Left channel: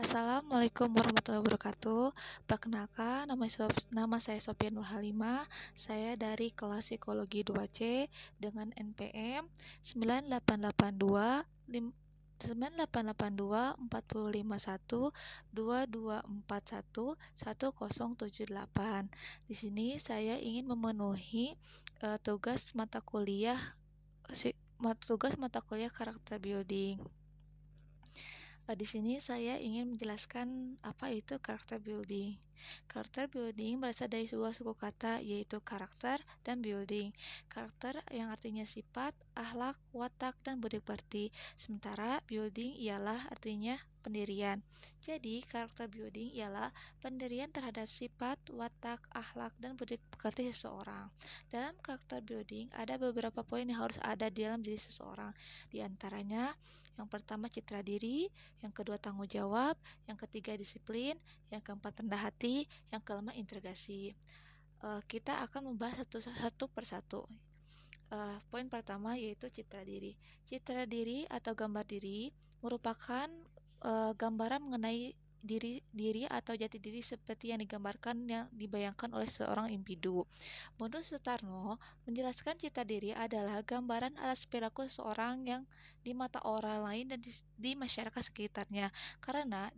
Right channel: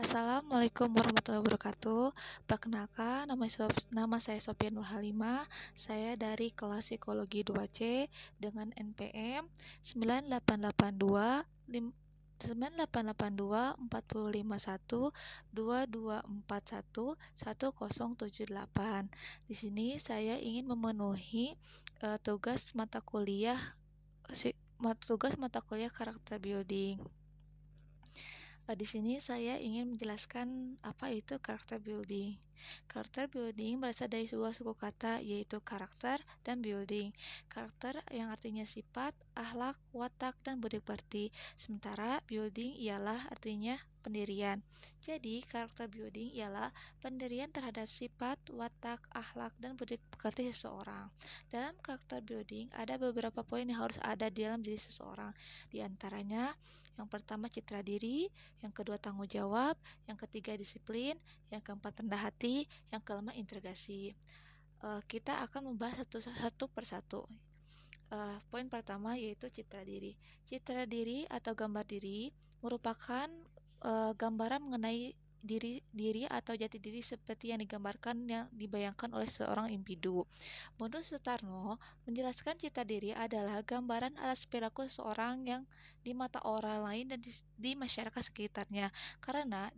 Assalamualaikum warahmatullahi wabarakatuh. Perkenalkan, nama saya Sophia Nurhalimah. Saya dari kelas Psikologi 2C dengan NPM 9882 451 2241 1078. Di sini saya ingin memenuhi tugas mata kuliah karakter building. Di sini saya ingin menjelaskan apa itu karakter building. Karakter building berasal dari sebuah suku kata yaitu karakter dan building. Karakter yang artinya sifat, akhlak, watak, dan budi pekerti. Sementara building ialah artinya pendirian. Jadi, karakter building ialah pendirian terhadap sifat, watak, akhlak, dan budi pekerti seseorang. Dalam karakter building ada beberapa poin yang harus ada di dalam diri seseorang. Di antaranya, yang pertama citra diri, yang kedua tanggung jawab, yang ketiga disiplin, yang keempat rendah hati, yang kelima integrasi. Kita akan membahas satu persatu. Poin pertama yaitu citra diri. Citra diri atau gambar diri merupakan gambaran mengenai diri atau jati diri seperti yang dibayangkan oleh seorang individu. Menurut Sutarno, menjelaskan citra diri adalah gambaran atas perilaku seseorang yang di mata orang lain dan di masyarakat sekitarnya. Karena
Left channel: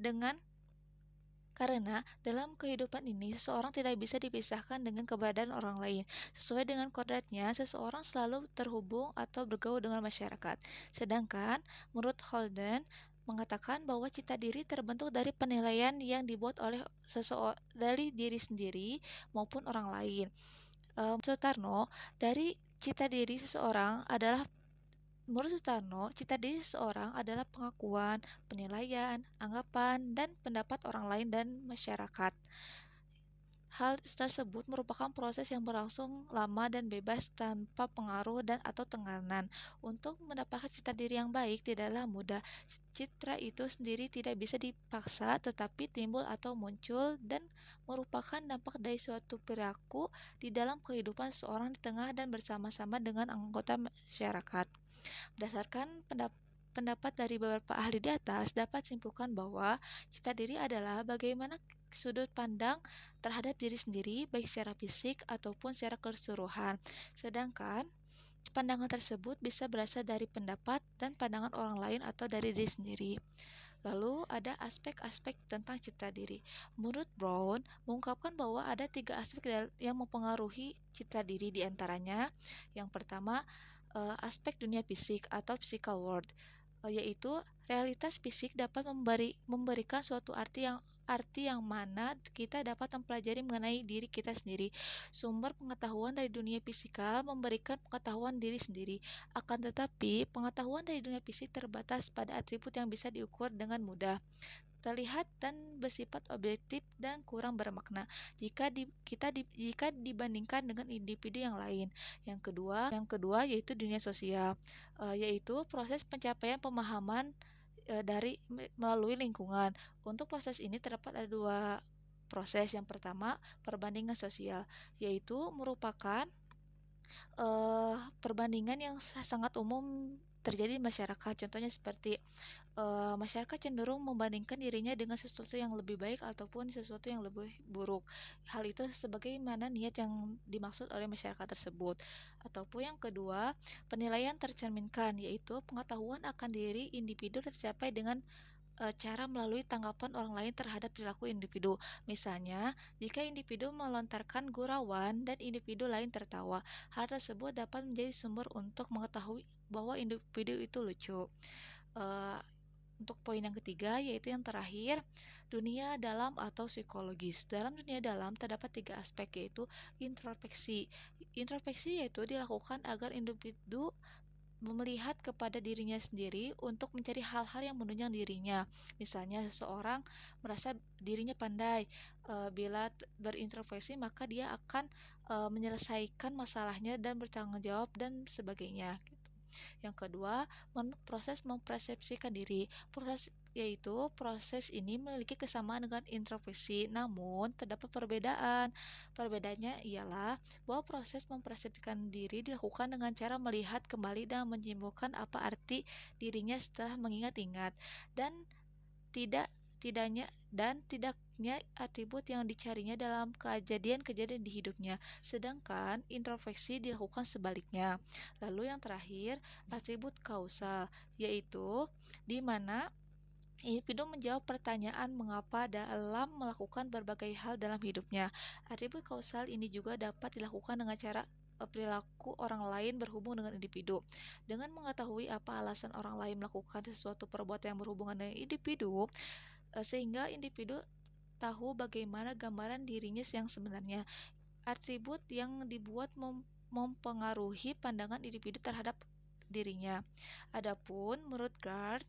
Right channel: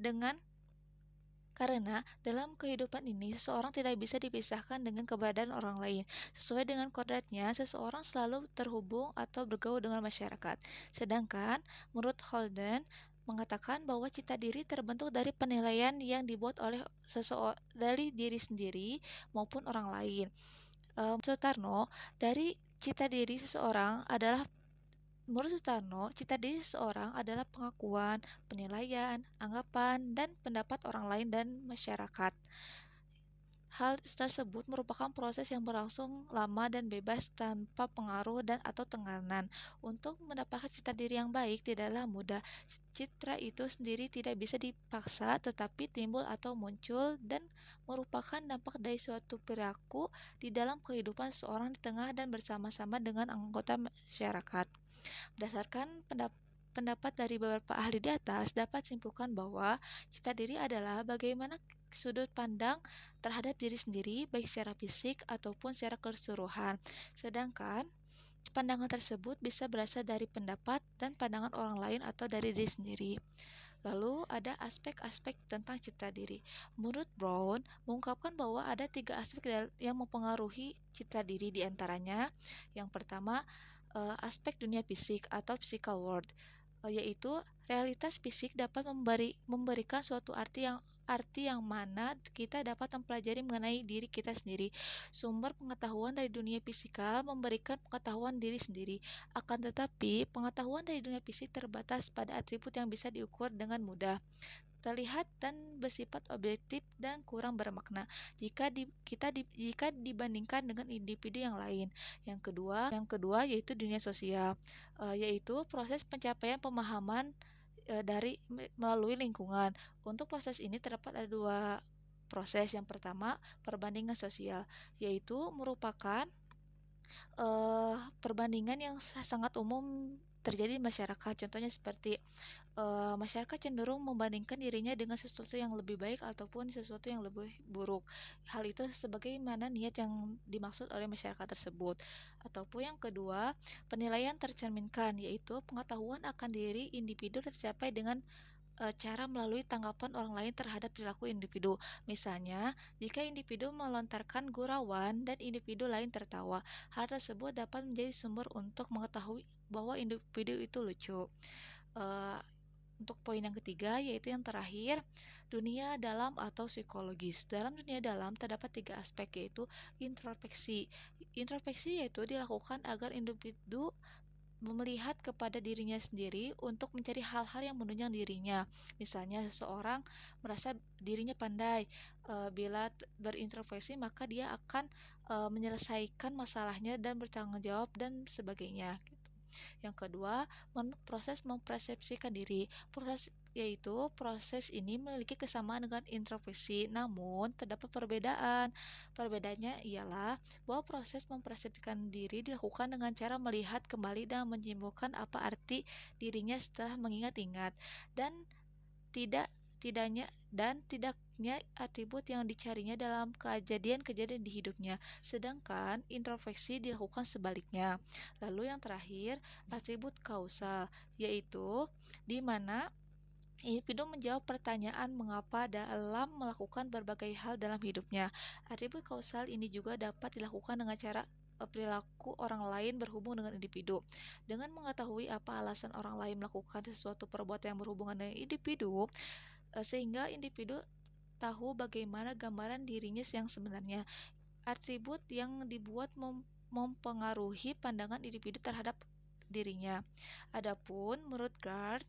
dalam kehidupan ini, seseorang tidak bisa dipisahkan dengan keberadaan orang lain. Sesuai dengan kodratnya, seseorang selalu terhubung atau bergaul dengan masyarakat. Sedangkan, menurut Holden, mengatakan bahwa citra diri terbentuk dari penilaian yang dibuat oleh dari diri sendiri maupun orang lain. Sutarno, dari citra diri seseorang adalah Menurut Sutarno, citra diri seseorang adalah pengakuan, penilaian, anggapan, dan pendapat orang lain dan masyarakat. Hal tersebut merupakan proses yang berlangsung lama dan bebas tanpa pengaruh atau tekanan. Untuk mendapatkan citra diri yang baik tidaklah mudah. Citra itu sendiri tidak bisa dipaksa, tetapi timbul atau muncul dan merupakan dampak dari suatu perilaku di dalam kehidupan seseorang di tengah dan bersama-sama dengan anggota masyarakat. Berdasarkan pendapat dari beberapa ahli di atas, dapat simpulkan bahwa citra diri adalah bagaimana sudut pandang terhadap diri sendiri, baik secara fisik ataupun secara keseluruhan. Sedangkan pandangan tersebut bisa berasal dari pendapat dan pandangan orang lain atau dari diri sendiri. Lalu ada aspek-aspek tentang citra diri. Menurut Brown, mengungkapkan bahwa ada 3 aspek yang mempengaruhi citra diri, diantaranya yang pertama aspek dunia fisik atau physical world, yaitu realitas fisik dapat memberikan suatu arti yang mana kita dapat mempelajari mengenai diri kita sendiri. Sumber pengetahuan dari dunia fisikal memberikan pengetahuan diri sendiri. Akan tetapi, pengetahuan dari dunia fisik terbatas pada atribut yang bisa diukur dengan mudah, terlihat dan bersifat objektif dan kurang bermakna jika dibandingkan dengan individu yang lain. Yang kedua yaitu dunia sosial, yaitu proses pencapaian pemahaman melalui lingkungan. Untuk proses ini terdapat ada 2 proses. Yang pertama, perbandingan sosial, yaitu merupakan perbandingan yang sangat umum terjadi di masyarakat. Contohnya seperti masyarakat cenderung membandingkan dirinya dengan sesuatu yang lebih baik ataupun sesuatu yang lebih buruk. Hal itu sebagaimana niat yang dimaksud oleh masyarakat tersebut. Ataupun yang kedua, penilaian tercerminkan, yaitu pengetahuan akan diri individu tercapai dengan cara melalui tanggapan orang lain terhadap perilaku individu. Misalnya, jika individu melontarkan gurauan dan individu lain tertawa, hal tersebut dapat menjadi sumber untuk mengetahui bahwa individu itu lucu. Uh, untuk poin yang ketiga, yaitu yang terakhir, dunia dalam atau psikologis. Dalam dunia dalam terdapat 3 aspek, yaitu introspeksi. Introspeksi yaitu dilakukan agar individu melihat kepada dirinya sendiri untuk mencari hal-hal yang menunjang dirinya. Misalnya seseorang merasa dirinya pandai, bila berintrospeksi maka dia akan menyelesaikan masalahnya dan bertanggung jawab dan sebagainya. Yang kedua, proses mempersepsikan diri. Proses ini memiliki kesamaan dengan introspeksi, namun terdapat perbedaan. Perbedaannya ialah bahwa proses mempersepsikan diri dilakukan dengan cara melihat kembali dan menyimpulkan apa arti dirinya setelah mengingat-ingat, dan tidak tidaknya atribut yang dicarinya dalam kejadian-kejadian di hidupnya. Sedangkan introspeksi dilakukan sebaliknya. Lalu yang terakhir, atribut kausal, yaitu di mana individu menjawab pertanyaan mengapa dalam melakukan berbagai hal dalam hidupnya. Atribut kausal ini juga dapat dilakukan dengan cara perilaku orang lain berhubung dengan individu. Dengan mengetahui apa alasan orang lain melakukan sesuatu perbuatan yang berhubungan dengan individu, sehingga individu tahu bagaimana gambaran dirinya yang sebenarnya. Atribut yang dibuat mempengaruhi pandangan individu terhadap dirinya. Adapun menurut Gard,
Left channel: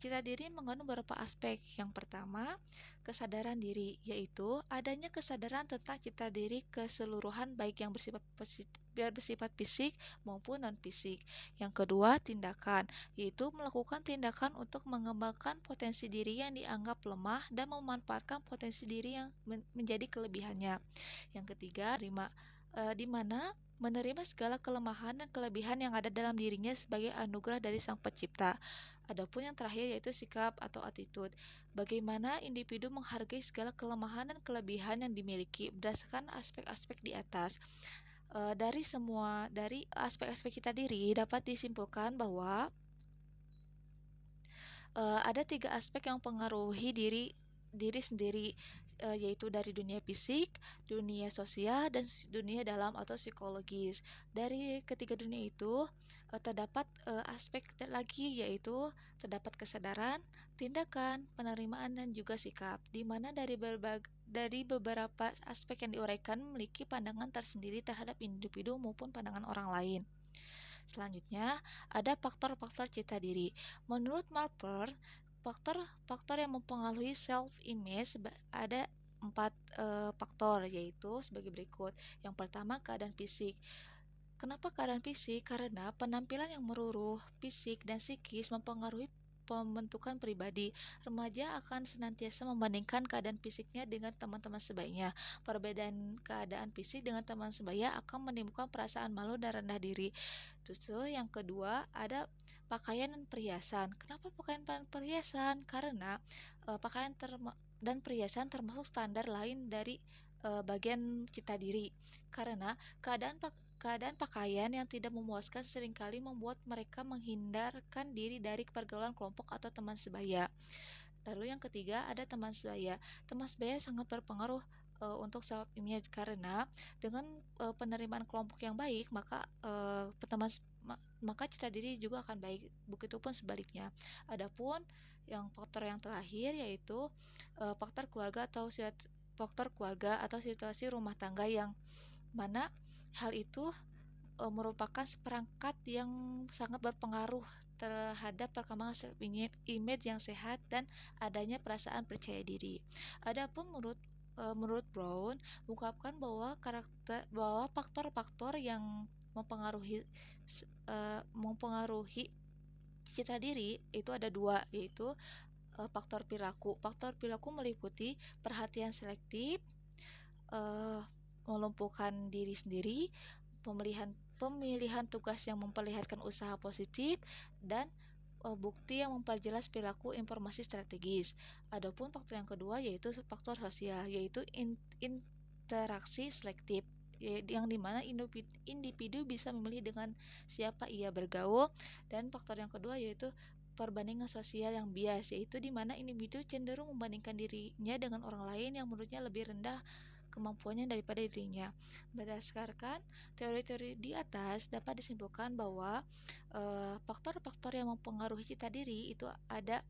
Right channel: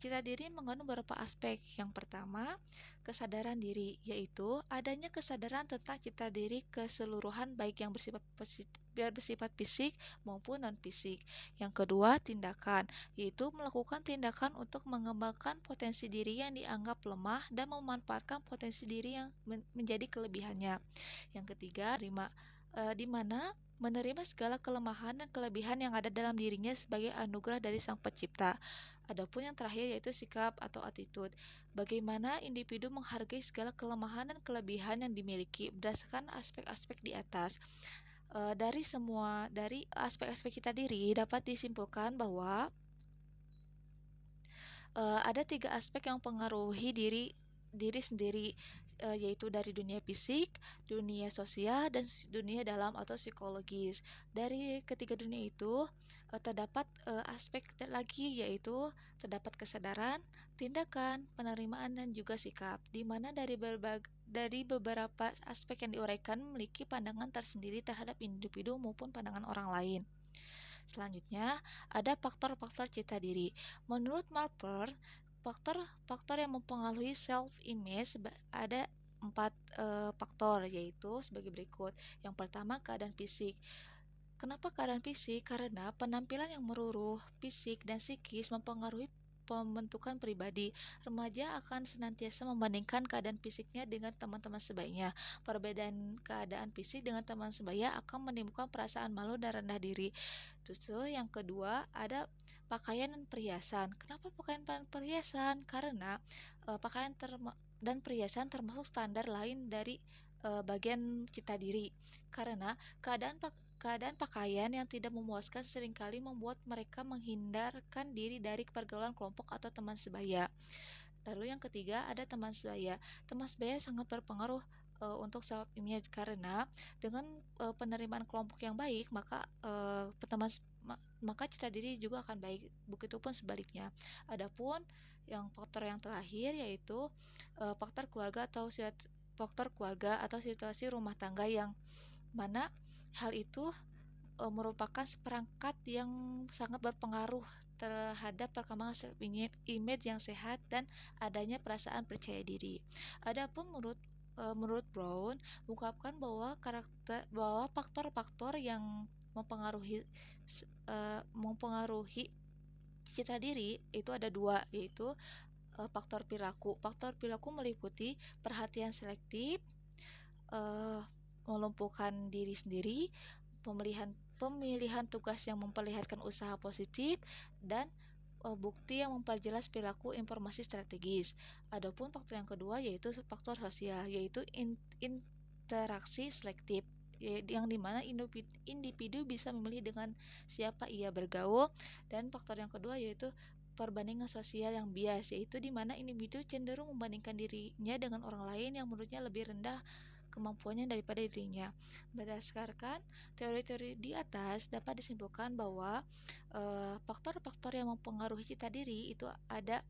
citra diri mengandung beberapa aspek. Yang pertama, kesadaran diri, yaitu adanya kesadaran tentang citra diri keseluruhan baik yang bersifat fisik maupun non-fisik. Yang kedua, tindakan, yaitu melakukan tindakan untuk mengembangkan potensi diri yang dianggap lemah dan memanfaatkan potensi diri yang menjadi kelebihannya. Yang ketiga, di mana menerima segala kelemahan dan kelebihan yang ada dalam dirinya sebagai anugerah dari Sang Pencipta. Adapun yang terakhir yaitu sikap atau attitude. Bagaimana individu menghargai segala kelemahan dan kelebihan yang dimiliki berdasarkan aspek-aspek di atas. Dari aspek-aspek kita diri dapat disimpulkan bahwa ada 3 aspek yang mempengaruhi diri sendiri, yaitu dari dunia fisik, dunia sosial, dan dunia dalam atau psikologis. Dari ketiga dunia itu terdapat aspek lagi, yaitu terdapat kesadaran, tindakan, penerimaan, dan juga sikap, di mana dari beberapa aspek yang diuraikan memiliki pandangan tersendiri terhadap individu maupun pandangan orang lain. Selanjutnya, ada faktor-faktor citra diri. Menurut Marper, faktor-faktor yang mempengaruhi self-image ada 4 faktor, yaitu sebagai berikut. Yang pertama, keadaan fisik. Kenapa keadaan fisik? Karena penampilan yang meruruh, fisik, dan psikis mempengaruhi pembentukan pribadi. Remaja akan senantiasa membandingkan keadaan fisiknya dengan teman-teman sebayanya. Perbedaan keadaan fisik dengan teman sebaya akan menimbulkan perasaan malu dan rendah diri. Terus yang kedua ada pakaian dan perhiasan. Kenapa pakaian dan perhiasan? Karena pakaian dan perhiasan termasuk standar lain dari bagian citra diri. Karena keadaan pakaian yang tidak memuaskan seringkali membuat mereka menghindarkan diri dari pergaulan kelompok atau teman sebaya. Lalu yang ketiga ada teman sebaya. Teman sebaya sangat berpengaruh untuk self image karena dengan penerimaan kelompok yang baik maka citra diri juga akan baik. Begitupun sebaliknya. Adapun yang faktor yang terakhir yaitu faktor keluarga atau situasi rumah tangga yang mana hal itu merupakan seperangkat yang sangat berpengaruh terhadap perkembangan image yang sehat dan adanya perasaan percaya diri. Adapun menurut Brown mengungkapkan bahwa faktor-faktor yang mempengaruhi citra diri itu ada 2, yaitu faktor perilaku. Faktor perilaku meliputi perhatian selektif, melumpuhkan diri sendiri, pemilihan tugas yang memperlihatkan usaha positif, dan bukti yang memperjelas perilaku informasi strategis. Adapun faktor yang kedua yaitu faktor sosial, yaitu interaksi selektif, yang dimana individu bisa memilih dengan siapa ia bergaul. Dan faktor yang kedua yaitu perbandingan sosial yang bias, yaitu dimana individu cenderung membandingkan dirinya dengan orang lain yang menurutnya lebih rendah kemampuannya daripada dirinya. Berdasarkan teori-teori di atas dapat disimpulkan bahwa faktor-faktor yang mempengaruhi citra diri itu ada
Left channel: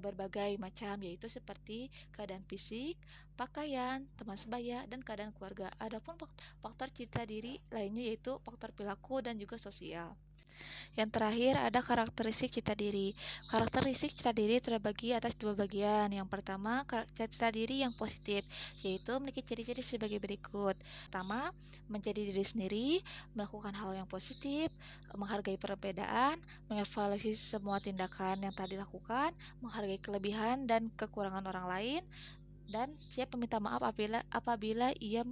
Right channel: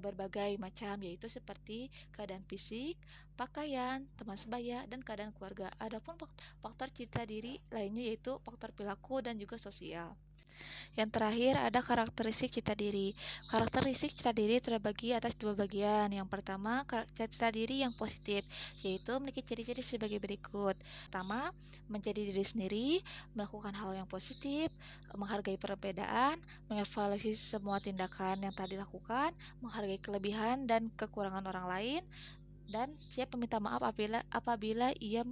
berbagai macam, yaitu seperti keadaan fisik, pakaian, teman sebaya, dan keadaan keluarga. Adapun faktor citra diri lainnya yaitu faktor perilaku dan juga sosial. Yang terakhir ada karakteristik citra diri. Karakteristik citra diri terbagi atas 2 bagian. Yang pertama, citra diri yang positif, yaitu memiliki ciri-ciri sebagai berikut. Pertama, menjadi diri sendiri, melakukan hal yang positif, menghargai perbedaan, mengevaluasi semua tindakan yang telah dilakukan, menghargai kelebihan dan kekurangan orang lain, dan siap meminta maaf apabila ia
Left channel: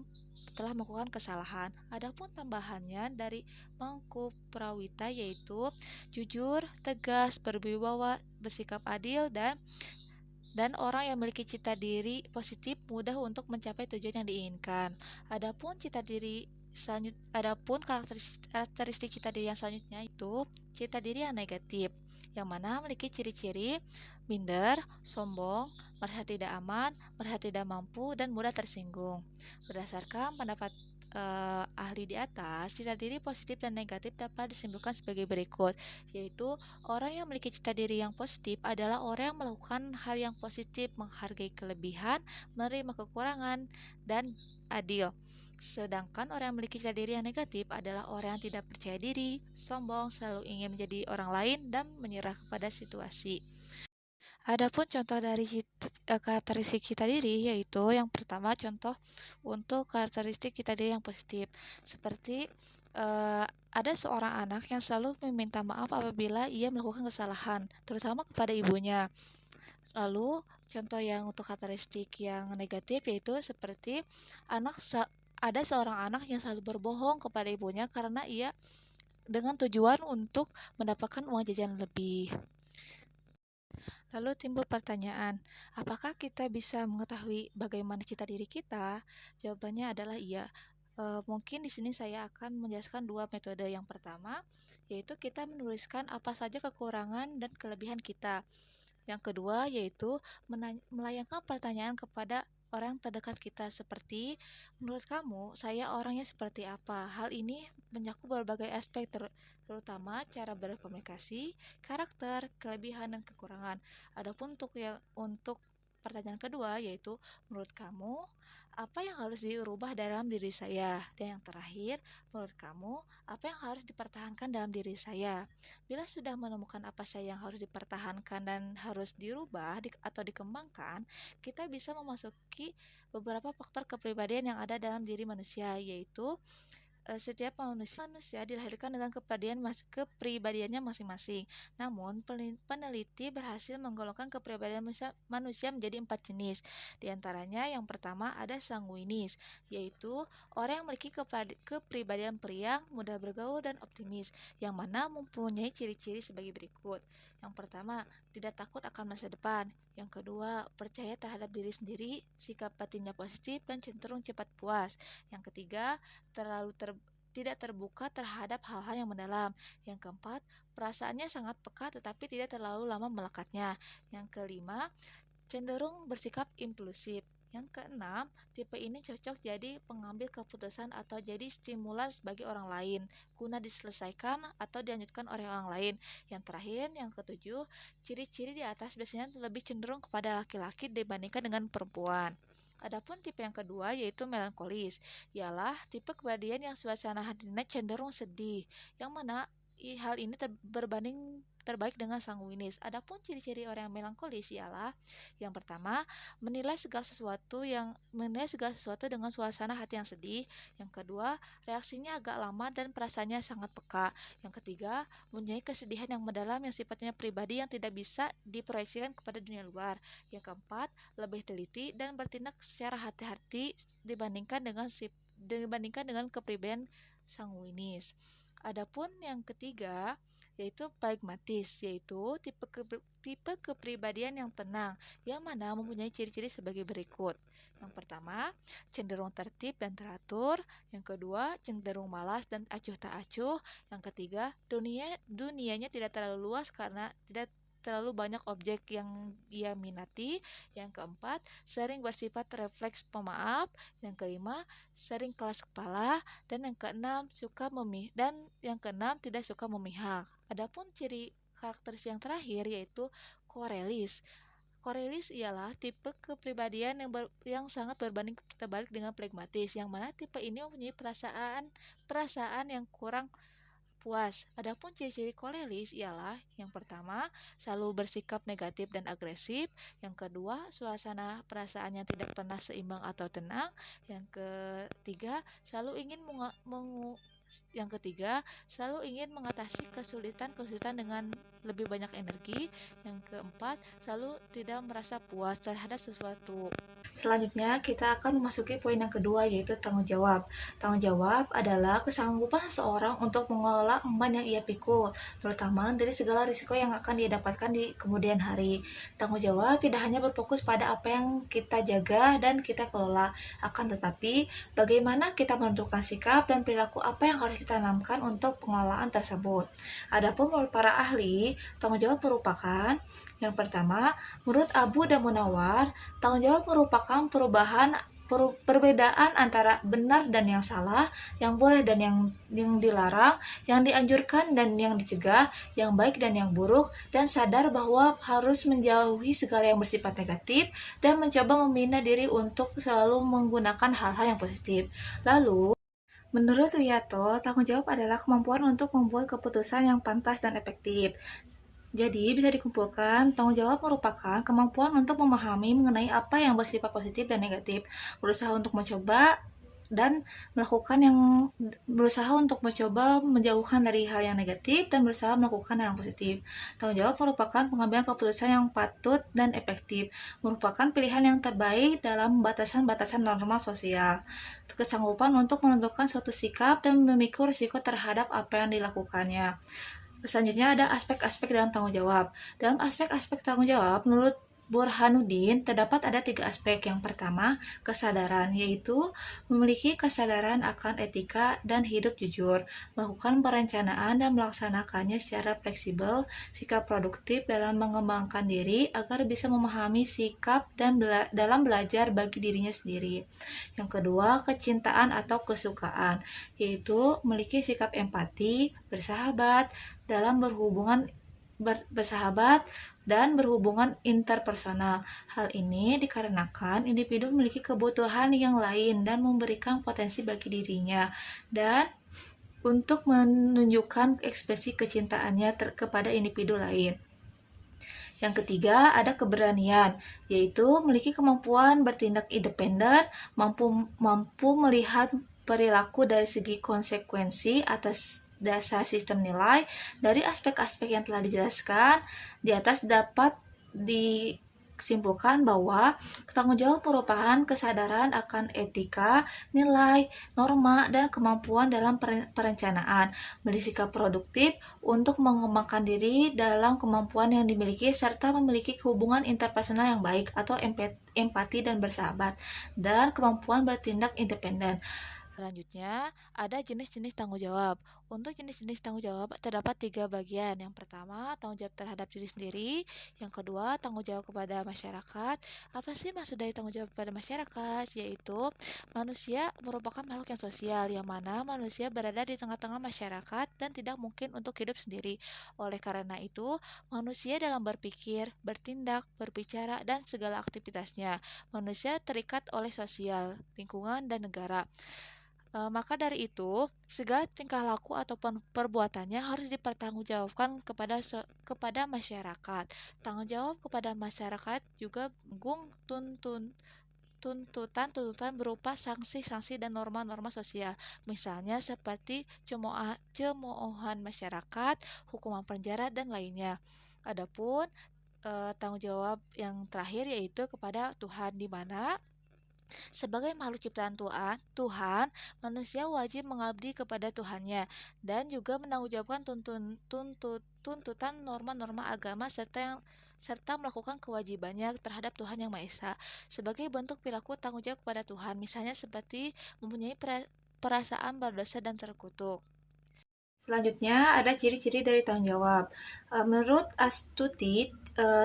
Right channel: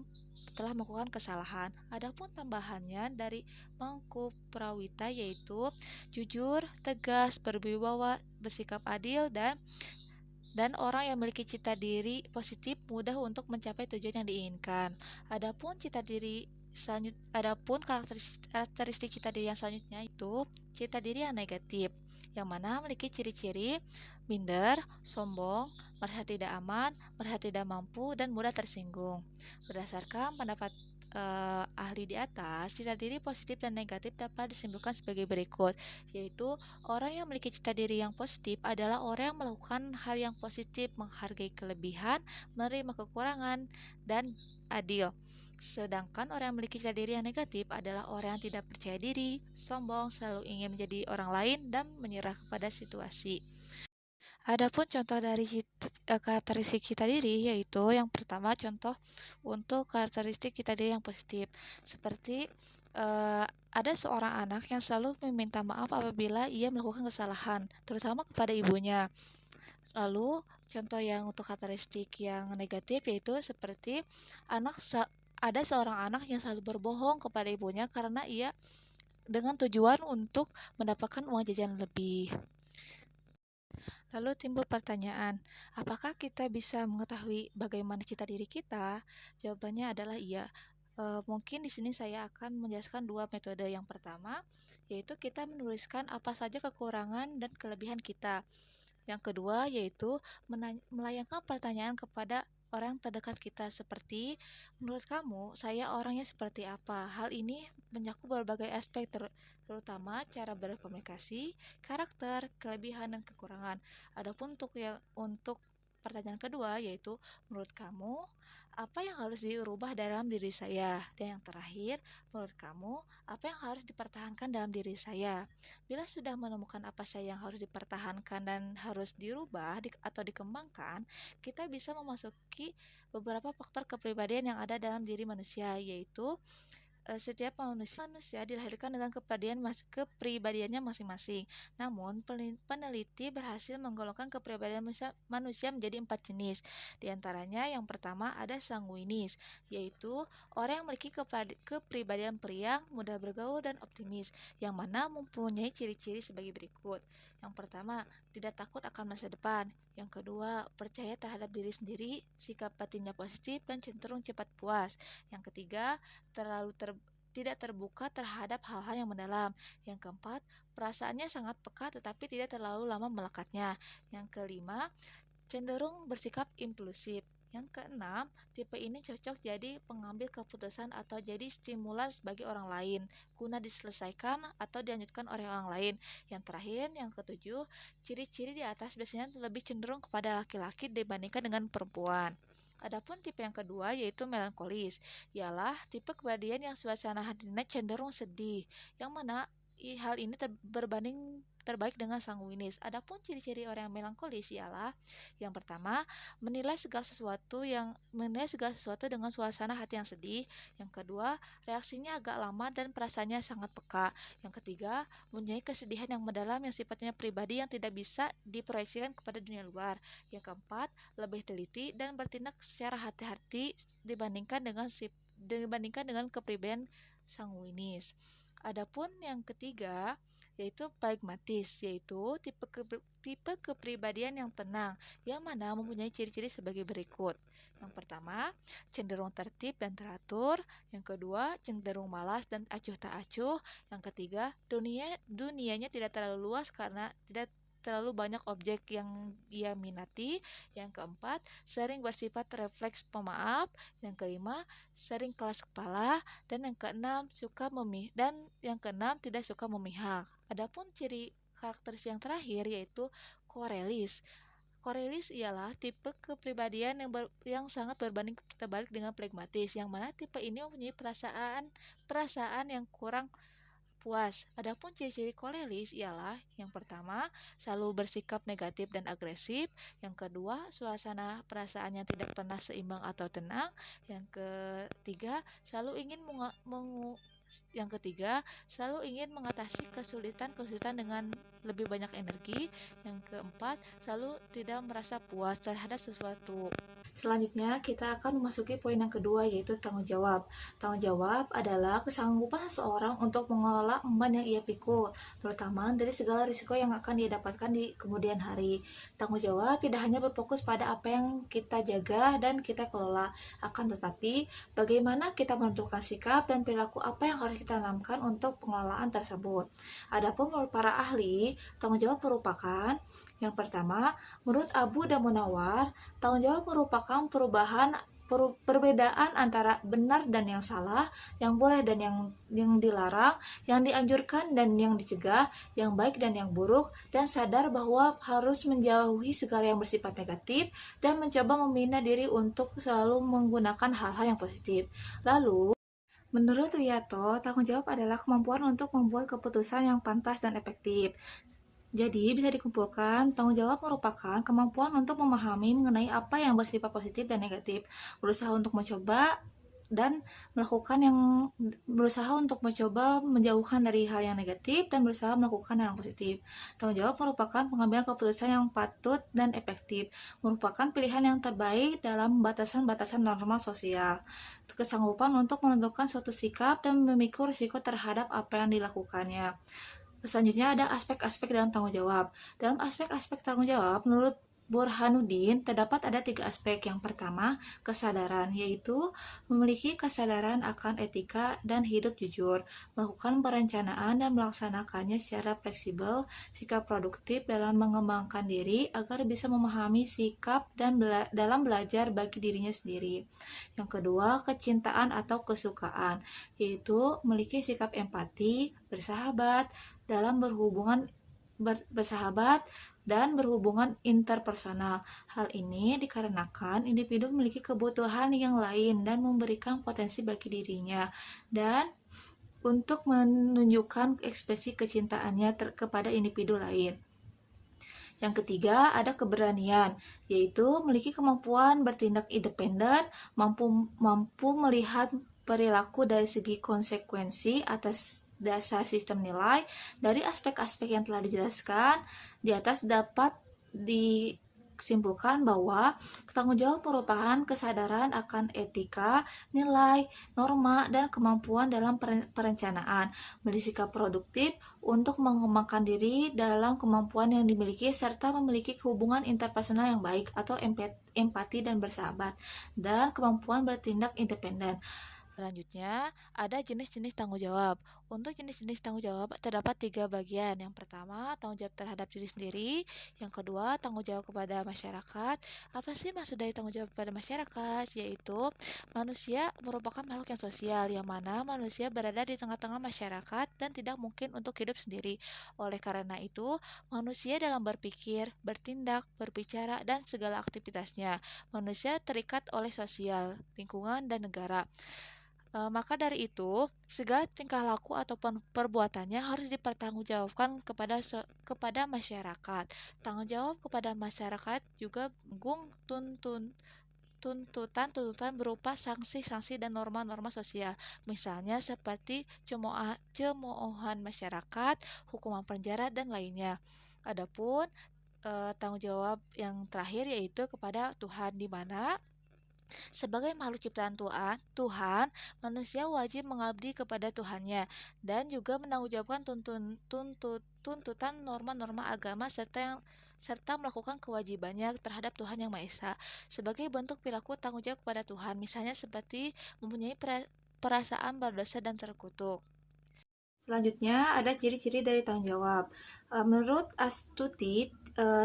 telah melakukan kesalahan. Adapun tambahannya dari Mangku Prawita yaitu jujur, tegas, berwibawa, bersikap adil, dan Dan orang yang memiliki cita diri positif mudah untuk mencapai tujuan yang diinginkan. Adapun karakteristik cita diri yang selanjutnya itu cita diri yang negatif, yang mana memiliki ciri-ciri minder, sombong, merasa tidak aman, merasa tidak mampu, dan mudah tersinggung. Berdasarkan pendapat ahli di atas, cita diri positif dan negatif dapat disimpulkan sebagai berikut, yaitu orang yang memiliki cita diri yang positif adalah orang yang melakukan hal yang positif, menghargai kelebihan, menerima kekurangan, dan adil. Sedangkan orang yang memiliki cita diri yang negatif adalah orang yang tidak percaya diri, sombong, selalu ingin menjadi orang lain, dan menyerah kepada situasi. Adapun contoh dari karakteristik cita diri, yaitu yang pertama contoh untuk karakteristik cita diri yang positif, seperti ada seorang anak yang selalu meminta maaf apabila ia melakukan kesalahan, terutama kepada ibunya. Lalu contoh yang untuk karakteristik yang negatif yaitu seperti ada seorang anak yang selalu berbohong kepada ibunya karena ia dengan tujuan untuk mendapatkan uang jajan lebih. Lalu timbul pertanyaan, apakah kita bisa mengetahui bagaimana cita diri kita? Jawabannya adalah iya. Mungkin di sini saya akan menjelaskan dua metode. Yang pertama, yaitu kita menuliskan apa saja kekurangan dan kelebihan kita. Yang kedua, yaitu melayangkan pertanyaan kepada orang terdekat kita seperti, menurut kamu, saya orangnya seperti apa? Hal ini mencakup berbagai aspek terutama cara berkomunikasi, karakter, kelebihan, dan kekurangan. Adapun untuk pertanyaan kedua yaitu, menurut kamu, apa yang harus dirubah dalam diri saya? Dan yang terakhir, menurut kamu, apa yang harus dipertahankan dalam diri saya? Bila sudah menemukan apa saja yang harus dipertahankan dan harus dirubah atau dikembangkan, kita bisa memasuki beberapa faktor kepribadian yang ada dalam diri manusia, yaitu setiap manusia dilahirkan dengan kepribadiannya masing-masing. Namun, peneliti berhasil menggolongkan kepribadian manusia menjadi 4 jenis. Di antaranya, yang pertama ada sanguinis, yaitu orang yang memiliki kepribadian periang, mudah bergaul, dan optimis, yang mana mempunyai ciri-ciri sebagai berikut. Yang pertama, tidak takut akan masa depan. Yang kedua, percaya terhadap diri sendiri, sikap batinnya positif, dan cenderung cepat puas. Yang ketiga, tidak terbuka terhadap hal-hal yang mendalam. Yang keempat, perasaannya sangat peka tetapi tidak terlalu lama melekatnya. Yang kelima, cenderung bersikap impulsif. Yang keenam, tipe ini cocok jadi pengambil keputusan atau jadi stimulans bagi orang lain, guna diselesaikan atau dilanjutkan oleh orang lain. Yang terakhir, yang ketujuh, ciri-ciri di atas biasanya lebih cenderung kepada laki-laki dibandingkan dengan perempuan. Adapun tipe yang kedua yaitu melankolis, ialah tipe kepribadian yang suasana hatinya cenderung sedih, yang mana hal ini terbalik dengan sanguinis. Adapun ciri-ciri orang yang melankolis ialah yang pertama, menilai segala sesuatu dengan suasana hati yang sedih. Yang kedua, reaksinya agak lama dan perasaannya sangat peka. Yang ketiga, mempunyai kesedihan yang mendalam yang sifatnya pribadi yang tidak bisa diproyeksikan kepada dunia luar. Yang keempat, lebih teliti dan bertindak secara hati-hati dibandingkan dengan kepribadian sanguinis. Adapun yang ketiga yaitu pragmatis, yaitu tipe kepribadian yang tenang, yang mana mempunyai ciri-ciri sebagai berikut. Yang pertama, cenderung tertib dan teratur. Yang kedua, cenderung malas dan acuh tak acuh. Yang ketiga, dunianya tidak terlalu luas karena tidak terlalu banyak objek yang ia minati. Yang keempat, sering bersifat refleks pemaaf. Yang kelima, sering keras kepala. Dan yang keenam tidak suka memihak. Adapun ciri karakteristik yang terakhir yaitu korelis. Korelis ialah tipe kepribadian yang sangat berbanding terbalik dengan pragmatis, yang mana tipe ini mempunyai perasaan yang kurang puas. Adapun ciri-ciri korelis ialah yang pertama, selalu bersikap negatif dan agresif. Yang kedua, suasana perasaannya tidak pernah seimbang atau tenang. Yang ketiga, Yang ketiga, selalu ingin mengatasi kesulitan-kesulitan dengan lebih banyak energi. Yang keempat, selalu tidak merasa puas terhadap sesuatu. Selanjutnya, kita akan memasuki poin yang kedua, yaitu tanggung jawab. Tanggung jawab adalah kesanggupan seseorang untuk mengelola emban yang ia pikul, terutama dari segala risiko yang akan dia dapatkan di kemudian hari. Tanggung jawab tidak hanya berfokus pada apa yang kita jaga dan kita kelola, akan tetapi bagaimana kita menentukan sikap dan perilaku apa yang harus kita tanamkan untuk pengelolaan tersebut. Adapun menurut para ahli, tanggung jawab merupakan yang pertama, menurut Abu dan Munawar, tanggung jawab merupakan perbedaan antara benar dan yang salah, yang boleh dan yang dilarang, yang dianjurkan dan yang dicegah, yang baik dan yang buruk, dan sadar bahwa harus menjauhi segala yang bersifat negatif dan mencoba membina diri untuk selalu menggunakan hal-hal yang positif. Lalu, menurut Wiyato, tanggung jawab adalah kemampuan untuk membuat keputusan yang pantas dan efektif. Jadi, bisa dikumpulkan, tanggung jawab merupakan kemampuan untuk memahami mengenai apa yang bersifat positif dan negatif, berusaha untuk mencoba dan berusaha untuk mencoba menjauhkan dari hal yang negatif dan berusaha melakukan hal yang positif. Tanggung jawab merupakan pengambilan keputusan yang patut dan efektif, merupakan pilihan yang terbaik dalam batasan-batasan normal sosial. Kesanggupan untuk menentukan suatu sikap dan memikul risiko terhadap apa yang dilakukannya. Selanjutnya ada aspek-aspek dalam tanggung jawab. Dalam aspek-aspek tanggung jawab, menurut Burhanuddin, terdapat ada 3 aspek. Yang pertama, kesadaran, yaitu memiliki kesadaran akan etika dan hidup jujur, melakukan perencanaan dan melaksanakannya secara fleksibel, sikap produktif dalam mengembangkan diri agar bisa memahami sikap dan dalam belajar bagi dirinya sendiri. Yang kedua, kecintaan atau kesukaan, yaitu memiliki sikap empati, bersahabat, dalam bersahabat dan berhubungan interpersonal. Hal ini dikarenakan individu memiliki kebutuhan yang lain dan memberikan potensi bagi dirinya dan untuk menunjukkan ekspresi kecintaannya kepada individu lain. Yang ketiga, ada keberanian, yaitu memiliki kemampuan bertindak independen, mampu melihat perilaku dari segi konsekuensi atas dasar sistem nilai. Dari aspek-aspek yang telah dijelaskan di atas dapat disimpulkan bahwa tanggung jawab merupakan kesadaran akan etika, nilai, norma, dan kemampuan dalam perencanaan, bersikap produktif untuk mengembangkan diri dalam kemampuan yang dimiliki serta memiliki hubungan interpersonal yang baik atau empati dan bersahabat, dan kemampuan bertindak independen. Selanjutnya, ada jenis-jenis tanggung jawab. Untuk jenis-jenis tanggung jawab terdapat 3 bagian. Yang pertama, tanggung jawab terhadap diri sendiri. Yang kedua, tanggung jawab kepada masyarakat. Apa sih maksud dari tanggung jawab kepada masyarakat? Yaitu, manusia merupakan makhluk yang sosial, yang mana manusia berada di tengah-tengah masyarakat dan tidak mungkin untuk hidup sendiri. Oleh karena itu, manusia dalam berpikir, bertindak, berbicara, dan segala aktivitasnya, manusia terikat oleh sosial, lingkungan, dan negara. Maka dari itu, segala tingkah laku ataupun perbuatannya harus dipertanggungjawabkan kepada masyarakat. Tanggung jawab kepada masyarakat juga menanggung tuntutan-tuntutan berupa sanksi-sanksi dan norma-norma sosial. Misalnya seperti cemoohan masyarakat, hukuman penjara, dan lainnya. Adapun tanggung jawab yang terakhir yaitu kepada Tuhan, di mana sebagai makhluk ciptaan Tuhan, manusia wajib mengabdi kepada Tuhannya dan juga menanggungjawabkan tuntutan norma-norma agama serta melakukan kewajibannya terhadap Tuhan Yang Maha Esa sebagai bentuk perilaku tanggung jawab kepada Tuhan, misalnya seperti mempunyai perasaan berdosa dan terkutuk. Selanjutnya ada ciri-ciri dari tanggung jawab. Menurut Astuti,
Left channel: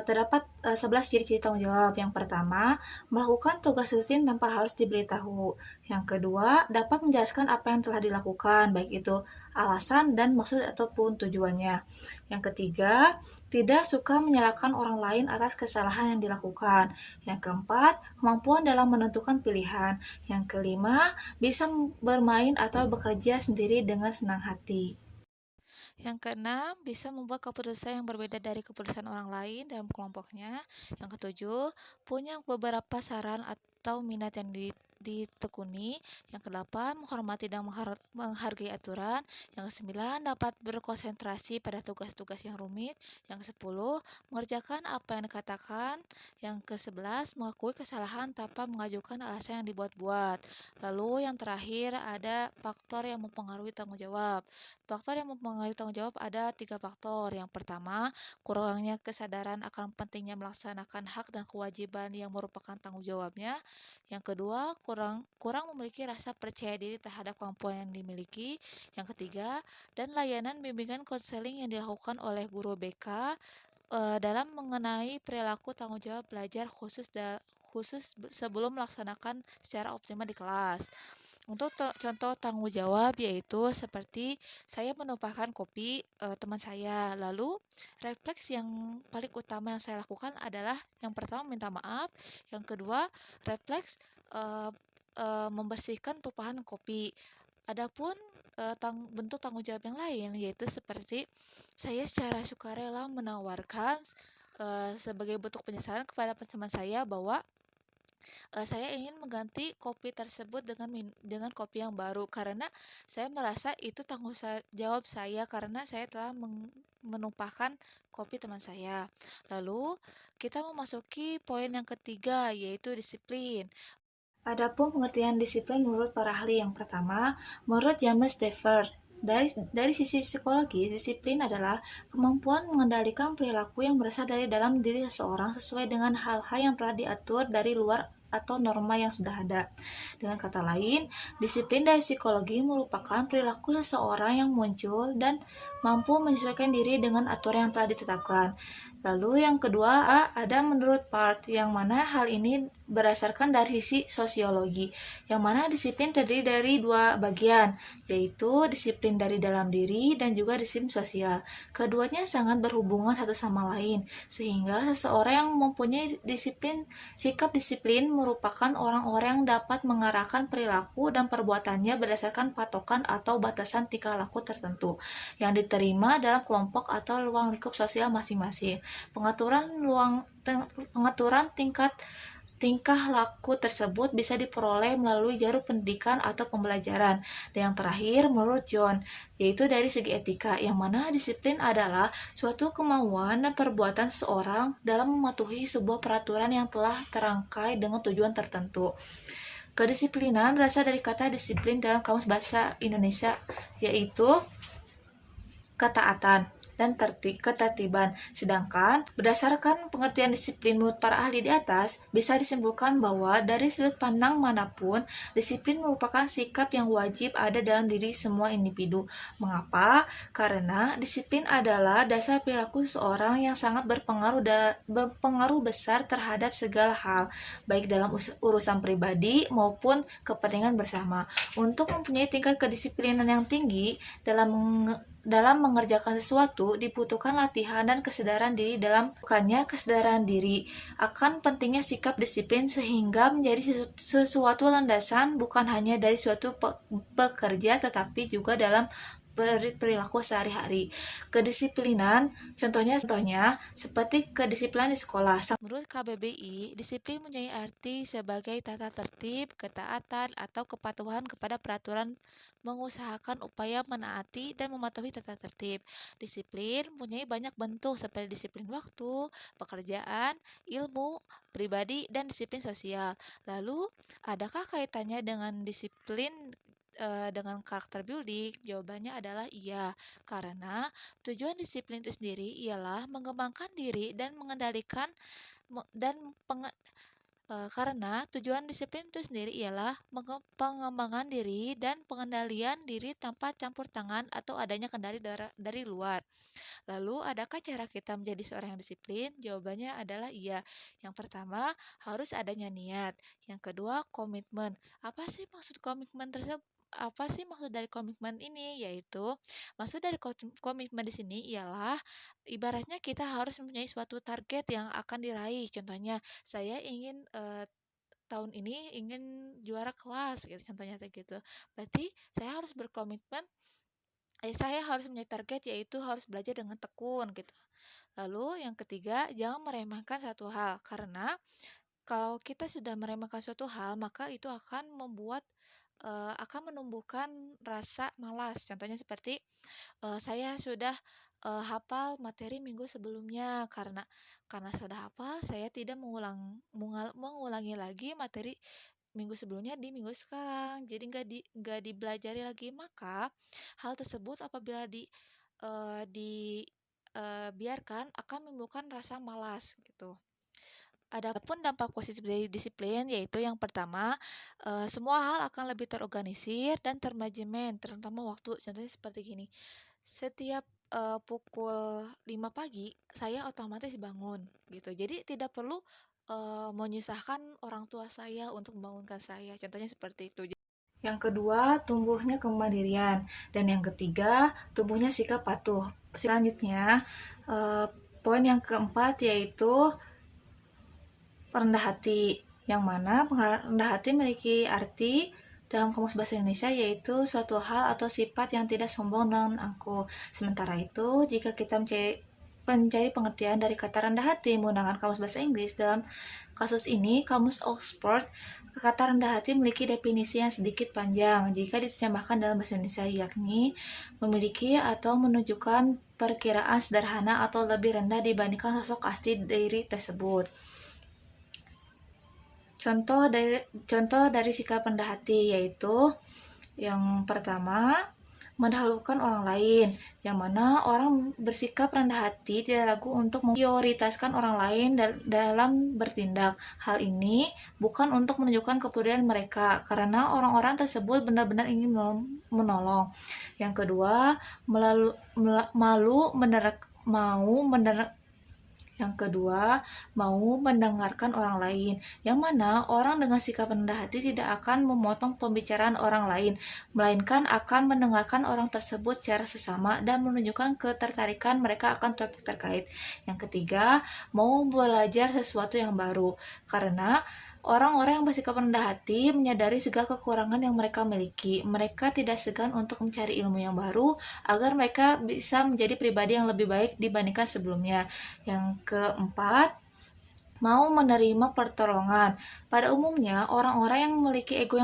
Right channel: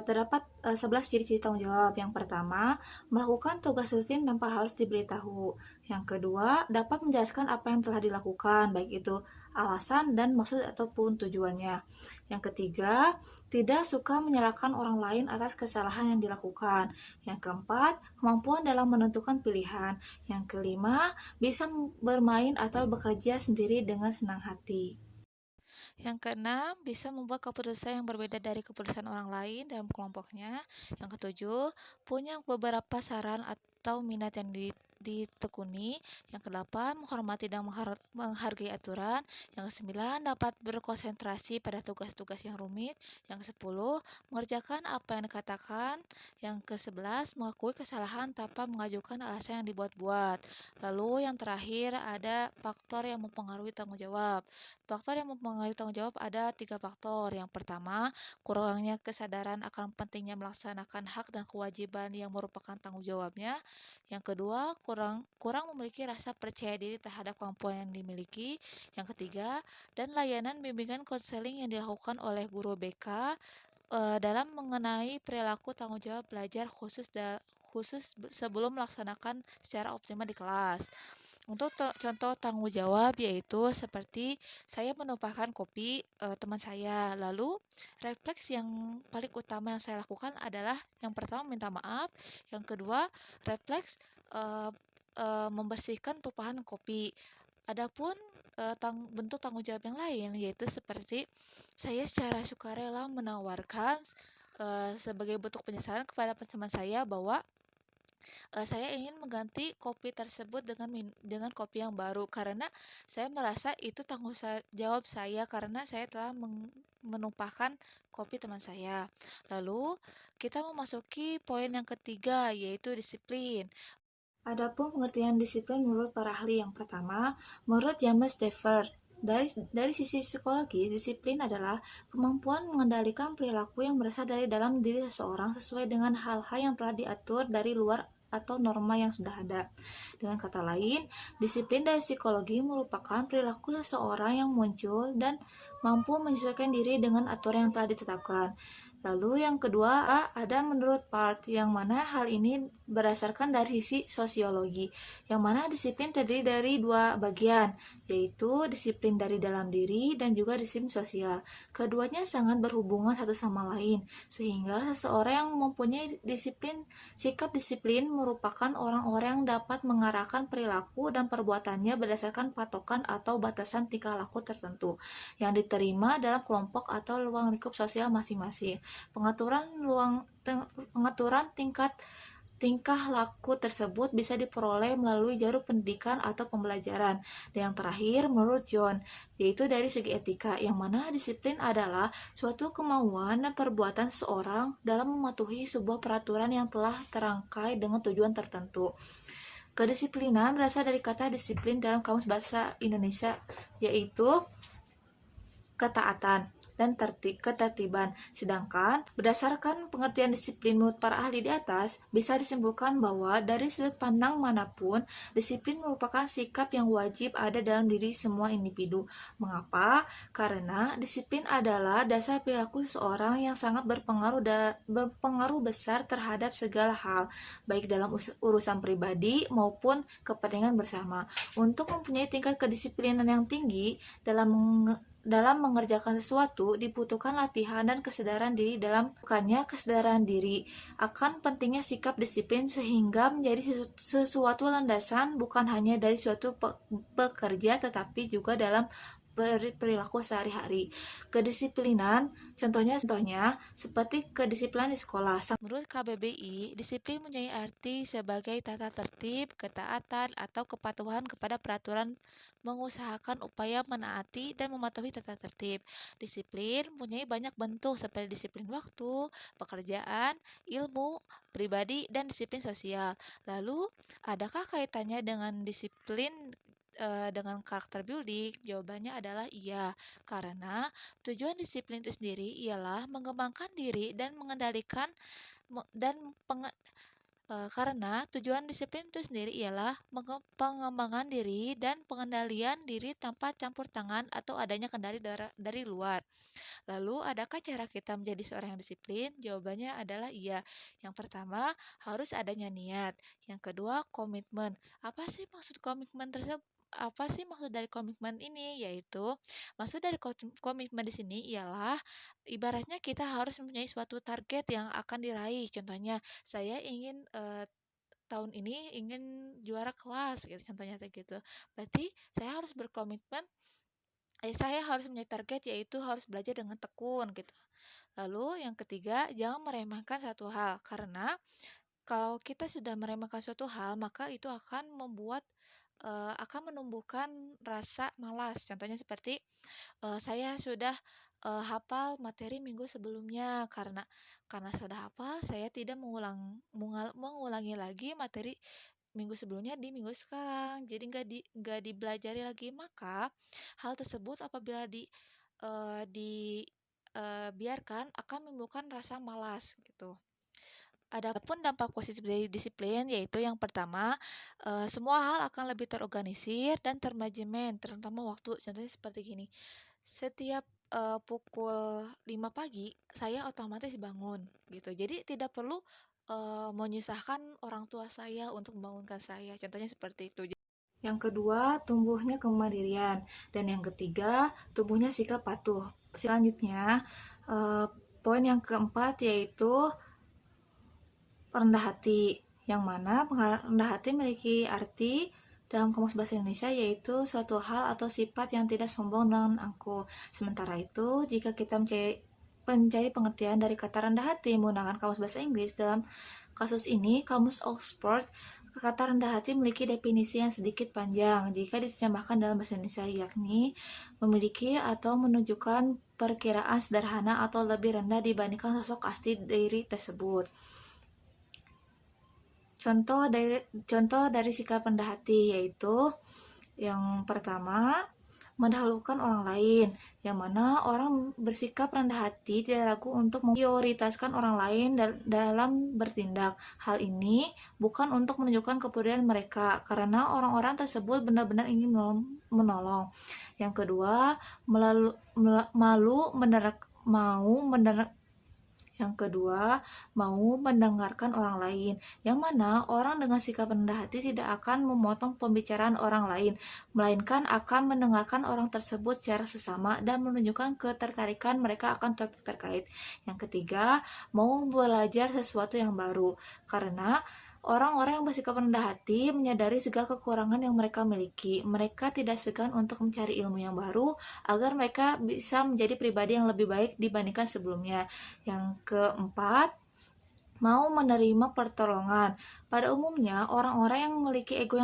terdapat 11 ciri-ciri tanggung jawab. Yang pertama, melakukan tugas rutin tanpa harus diberitahu. Yang kedua, dapat menjelaskan apa yang telah dilakukan, baik itu alasan dan maksud ataupun tujuannya. Yang ketiga, tidak suka menyalahkan orang lain atas kesalahan yang dilakukan. Yang keempat, kemampuan dalam menentukan pilihan. Yang kelima, bisa bermain atau bekerja sendiri dengan senang hati. Yang keenam, bisa membuat keputusan yang berbeda dari keputusan orang lain dalam kelompoknya. Yang ketujuh, punya beberapa saran atau minat yang ditekuni. Yang kedelapan, menghormati dan menghargai aturan. Yang kesembilan, dapat berkonsentrasi pada tugas-tugas yang rumit. Yang kesepuluh, mengerjakan apa yang dikatakan. Yang kesebelas, mengakui kesalahan tanpa mengajukan alasan yang dibuat-buat. Lalu yang terakhir ada faktor yang mempengaruhi tanggung jawab. Faktor yang mempengaruhi tanggung jawab ada tiga faktor. Yang pertama, kurangnya kesadaran akan pentingnya melaksanakan hak dan kewajiban yang merupakan tanggung jawabnya. Yang kedua, kurang memiliki rasa percaya diri terhadap kemampuan yang dimiliki. Yang ketiga, dan layanan bimbingan konseling yang dilakukan oleh guru BK dalam mengenai perilaku tanggung jawab belajar khusus sebelum melaksanakan secara optimal di kelas. Untuk contoh tanggung jawab yaitu seperti saya menumpahkan kopi teman saya. Lalu refleks yang paling utama yang saya lakukan adalah yang pertama minta maaf, yang kedua refleks eh, membersihkan tumpahan kopi. Adapun bentuk tanggung jawab yang lain yaitu seperti saya secara sukarela menawarkan sebagai bentuk penyesalan kepada teman saya bahwa saya ingin mengganti kopi tersebut dengan kopi yang baru karena saya merasa itu jawab saya karena saya telah menumpahkan kopi teman saya. Lalu kita memasuki poin yang ketiga yaitu disiplin. Adapun pengertian disiplin menurut para ahli yang pertama, menurut James Dever, dari sisi psikologis, disiplin adalah kemampuan mengendalikan perilaku yang berasal dari dalam diri seseorang sesuai dengan hal-hal yang telah diatur dari luar atau norma yang sudah ada. Dengan kata lain, disiplin dari psikologi merupakan perilaku seseorang yang muncul dan mampu menyesuaikan diri dengan aturan yang telah ditetapkan. Lalu yang kedua, ada menurut Part, yang mana hal ini berdasarkan dari sisi sosiologi, yang mana disiplin terdiri dari dua bagian, yaitu disiplin dari dalam diri dan juga disiplin sosial. Keduanya sangat berhubungan satu sama lain, sehingga seseorang yang mempunyai sikap disiplin merupakan orang-orang yang dapat mengarahkan perilaku dan perbuatannya berdasarkan patokan atau batasan tingkah laku tertentu yang diterima dalam kelompok atau ruang lingkup sosial masing-masing. Pengaturan tingkah laku tersebut bisa diperoleh melalui jalur pendidikan atau pembelajaran. Dan yang terakhir, menurut John, yaitu dari segi etika, yang mana disiplin adalah suatu kemauan dan perbuatan seseorang dalam mematuhi sebuah peraturan yang telah terangkai dengan tujuan tertentu. Kedisiplinan berasal dari kata disiplin dalam Kamus Bahasa Indonesia, yaitu ketaatan dan ketertiban. Sedangkan berdasarkan pengertian disiplin menurut para ahli di atas, bisa disimpulkan bahwa dari sudut pandang manapun, disiplin merupakan sikap yang wajib ada dalam diri semua individu. Mengapa? Karena disiplin adalah dasar perilaku seseorang yang sangat berpengaruh besar terhadap segala hal, baik dalam urusan pribadi maupun kepentingan bersama. Untuk mempunyai tingkat kedisiplinan yang tinggi dalam mengerjakan sesuatu dibutuhkan latihan dan kesadaran diri kesadaran diri akan pentingnya sikap disiplin sehingga menjadi sesuatu landasan bukan hanya dari suatu pekerja tetapi juga dalam perilaku sehari-hari. Kedisiplinan contohnya seperti kedisiplinan di sekolah. Menurut KBBI, disiplin mempunyai arti sebagai tata tertib, ketaatan, atau kepatuhan kepada peraturan, mengusahakan upaya menaati dan mematuhi tata tertib. Disiplin mempunyai banyak bentuk seperti disiplin waktu, pekerjaan, ilmu, pribadi, dan disiplin sosial. Lalu, adakah kaitannya dengan disiplin dengan karakter building? Jawabannya adalah iya, karena tujuan disiplin itu sendiri ialah mengembangkan diri dan mengendalikan dan karena tujuan disiplin itu sendiri ialah pengembangan diri dan pengendalian diri tanpa campur tangan atau adanya kendali dari luar. Lalu, adakah cara kita menjadi seorang yang disiplin? Jawabannya adalah iya. Yang pertama, harus adanya niat. Yang kedua, komitmen. Apa sih maksud dari komitmen ini? Yaitu, maksud dari komitmen di sini ialah ibaratnya kita harus mempunyai suatu target yang akan diraih. Contohnya, saya ingin tahun ini ingin juara kelas gitu, contohnya kayak gitu. Berarti saya harus mempunyai target yaitu harus belajar dengan tekun gitu. Lalu yang ketiga, jangan meremehkan satu hal karena Kalau kita sudah meremehkan suatu hal, maka itu akan menumbuhkan rasa malas. Contohnya seperti, saya sudah, hafal materi minggu sebelumnya, karena sudah hafal, saya tidak mengulangi lagi materi minggu sebelumnya di minggu sekarang. Jadi nggak dipelajari lagi. Maka, hal tersebut apabila biarkan akan menimbulkan rasa malas, gitu. Adapun dampak positif dari disiplin, yaitu yang pertama, semua hal akan lebih terorganisir dan termanajemen, terutama waktu. Contohnya seperti gini, setiap pukul 5 pagi, saya otomatis bangun, gitu. Jadi tidak perlu menyusahkan orang tua saya untuk membangunkan saya. Contohnya seperti itu. Yang kedua, tumbuhnya kemandirian. Dan yang ketiga, tumbuhnya sikap patuh. Selanjutnya, poin yang keempat yaitu rendah hati, yang mana rendah hati memiliki arti dalam Kamus Bahasa Indonesia yaitu suatu hal atau sifat yang tidak sombong dan angkuh. Sementara itu, jika kita mencari pengertian dari kata rendah hati menggunakan Kamus Bahasa Inggris, dalam kasus ini Kamus Oxford, kata rendah hati memiliki definisi yang sedikit panjang jika diterjemahkan dalam bahasa Indonesia, yakni memiliki atau menunjukkan perkiraan sederhana atau lebih rendah dibandingkan sosok asli diri tersebut. Contoh dari sikap rendah hati yaitu yang pertama, mendahulukan orang lain, yang mana orang bersikap rendah hati tidak ragu untuk memprioritaskan orang lain dalam bertindak. Hal ini bukan untuk menunjukkan kepedulian mereka, karena orang-orang tersebut benar-benar ingin menolong. Yang kedua, mau mendengarkan orang lain, yang mana orang dengan sikap rendah hati tidak akan memotong pembicaraan orang lain, melainkan akan mendengarkan orang tersebut secara sesama dan menunjukkan ketertarikan mereka akan topik terkait. Yang ketiga, mau belajar sesuatu yang baru, karena orang-orang yang bersikap rendah hati menyadari segala kekurangan yang mereka miliki. Mereka tidak segan untuk mencari ilmu yang baru agar mereka bisa menjadi pribadi yang lebih baik dibandingkan sebelumnya. Yang keempat, mau menerima pertolongan. Pada umumnya, orang-orang yang memiliki ego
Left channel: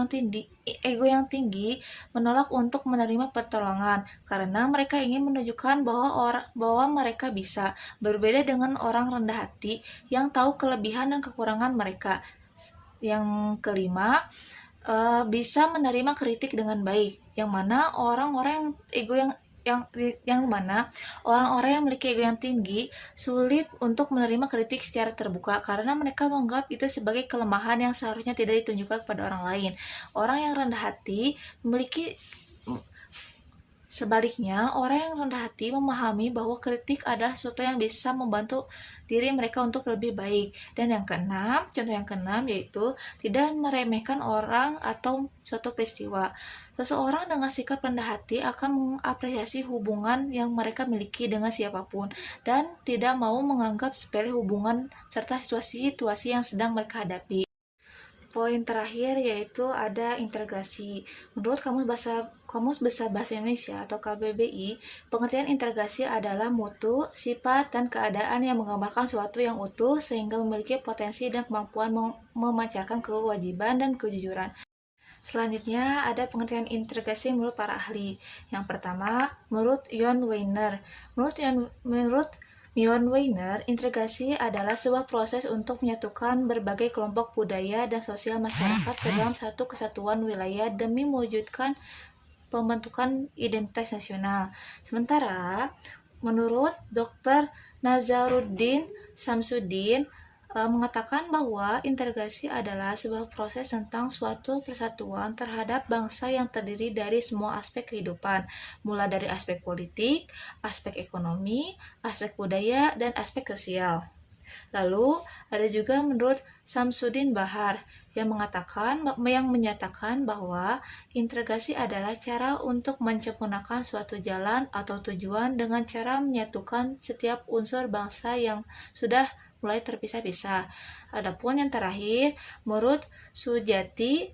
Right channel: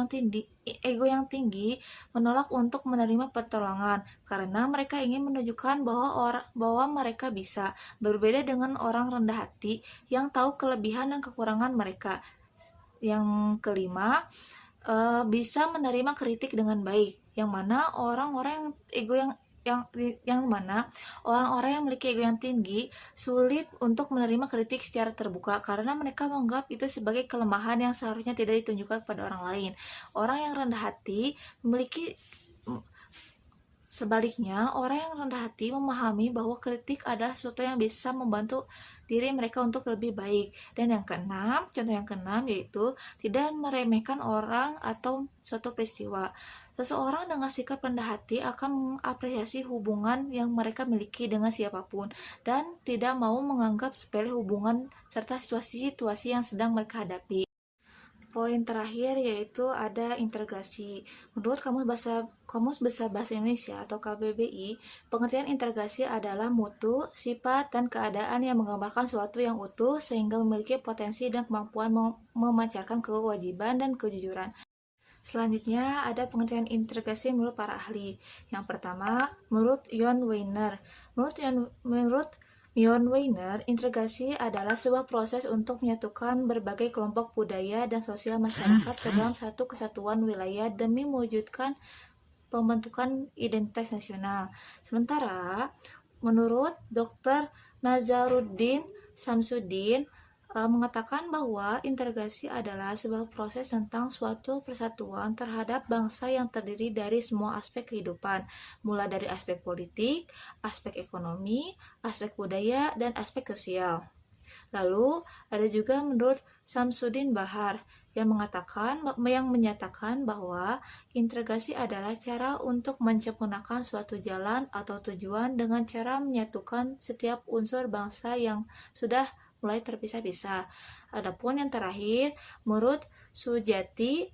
yang tinggi menolak untuk menerima pertolongan karena mereka ingin menunjukkan bahwa mereka bisa, berbeda dengan orang rendah hati yang tahu kelebihan dan kekurangan mereka. Yang kelima, bisa menerima kritik dengan baik, yang mana orang-orang yang memiliki ego yang tinggi sulit untuk menerima kritik secara terbuka karena mereka menganggap itu sebagai kelemahan yang seharusnya tidak ditunjukkan kepada orang lain. Orang yang rendah hati Sebaliknya, orang yang rendah hati memahami bahwa kritik adalah sesuatu yang bisa membantu diri mereka untuk lebih baik. Dan contoh yang keenam yaitu tidak meremehkan orang atau suatu peristiwa. Seseorang dengan sikap rendah hati akan mengapresiasi hubungan yang mereka miliki dengan siapapun dan tidak mau menganggap sepele hubungan serta situasi-situasi yang sedang mereka hadapi. Poin terakhir yaitu ada integrasi. Menurut Kamus Besar Bahasa Indonesia atau KBBI, pengertian integrasi adalah mutu, sifat, dan keadaan yang menggambarkan sesuatu yang utuh sehingga memiliki potensi dan kemampuan memancarkan kewajiban dan kejujuran. Selanjutnya ada pengertian integrasi menurut para ahli. Yang pertama, menurut John Weiner. Menurut John Weiner, integrasi adalah sebuah proses untuk menyatukan berbagai kelompok budaya dan sosial masyarakat ke dalam satu kesatuan wilayah demi mewujudkan pembentukan identitas nasional. Sementara, menurut Dr. Nazaruddin Samsudin, mengatakan bahwa integrasi adalah sebuah proses tentang suatu persatuan terhadap bangsa yang terdiri dari semua aspek kehidupan, mulai dari aspek politik, aspek ekonomi, aspek budaya, dan aspek sosial. Lalu, ada juga menurut Samsudin Bahar yang menyatakan bahwa integrasi adalah cara untuk menyempurnakan suatu jalan atau tujuan dengan cara menyatukan setiap unsur bangsa yang sudah mulai terpisah-pisah. Adapun yang terakhir, menurut Sujati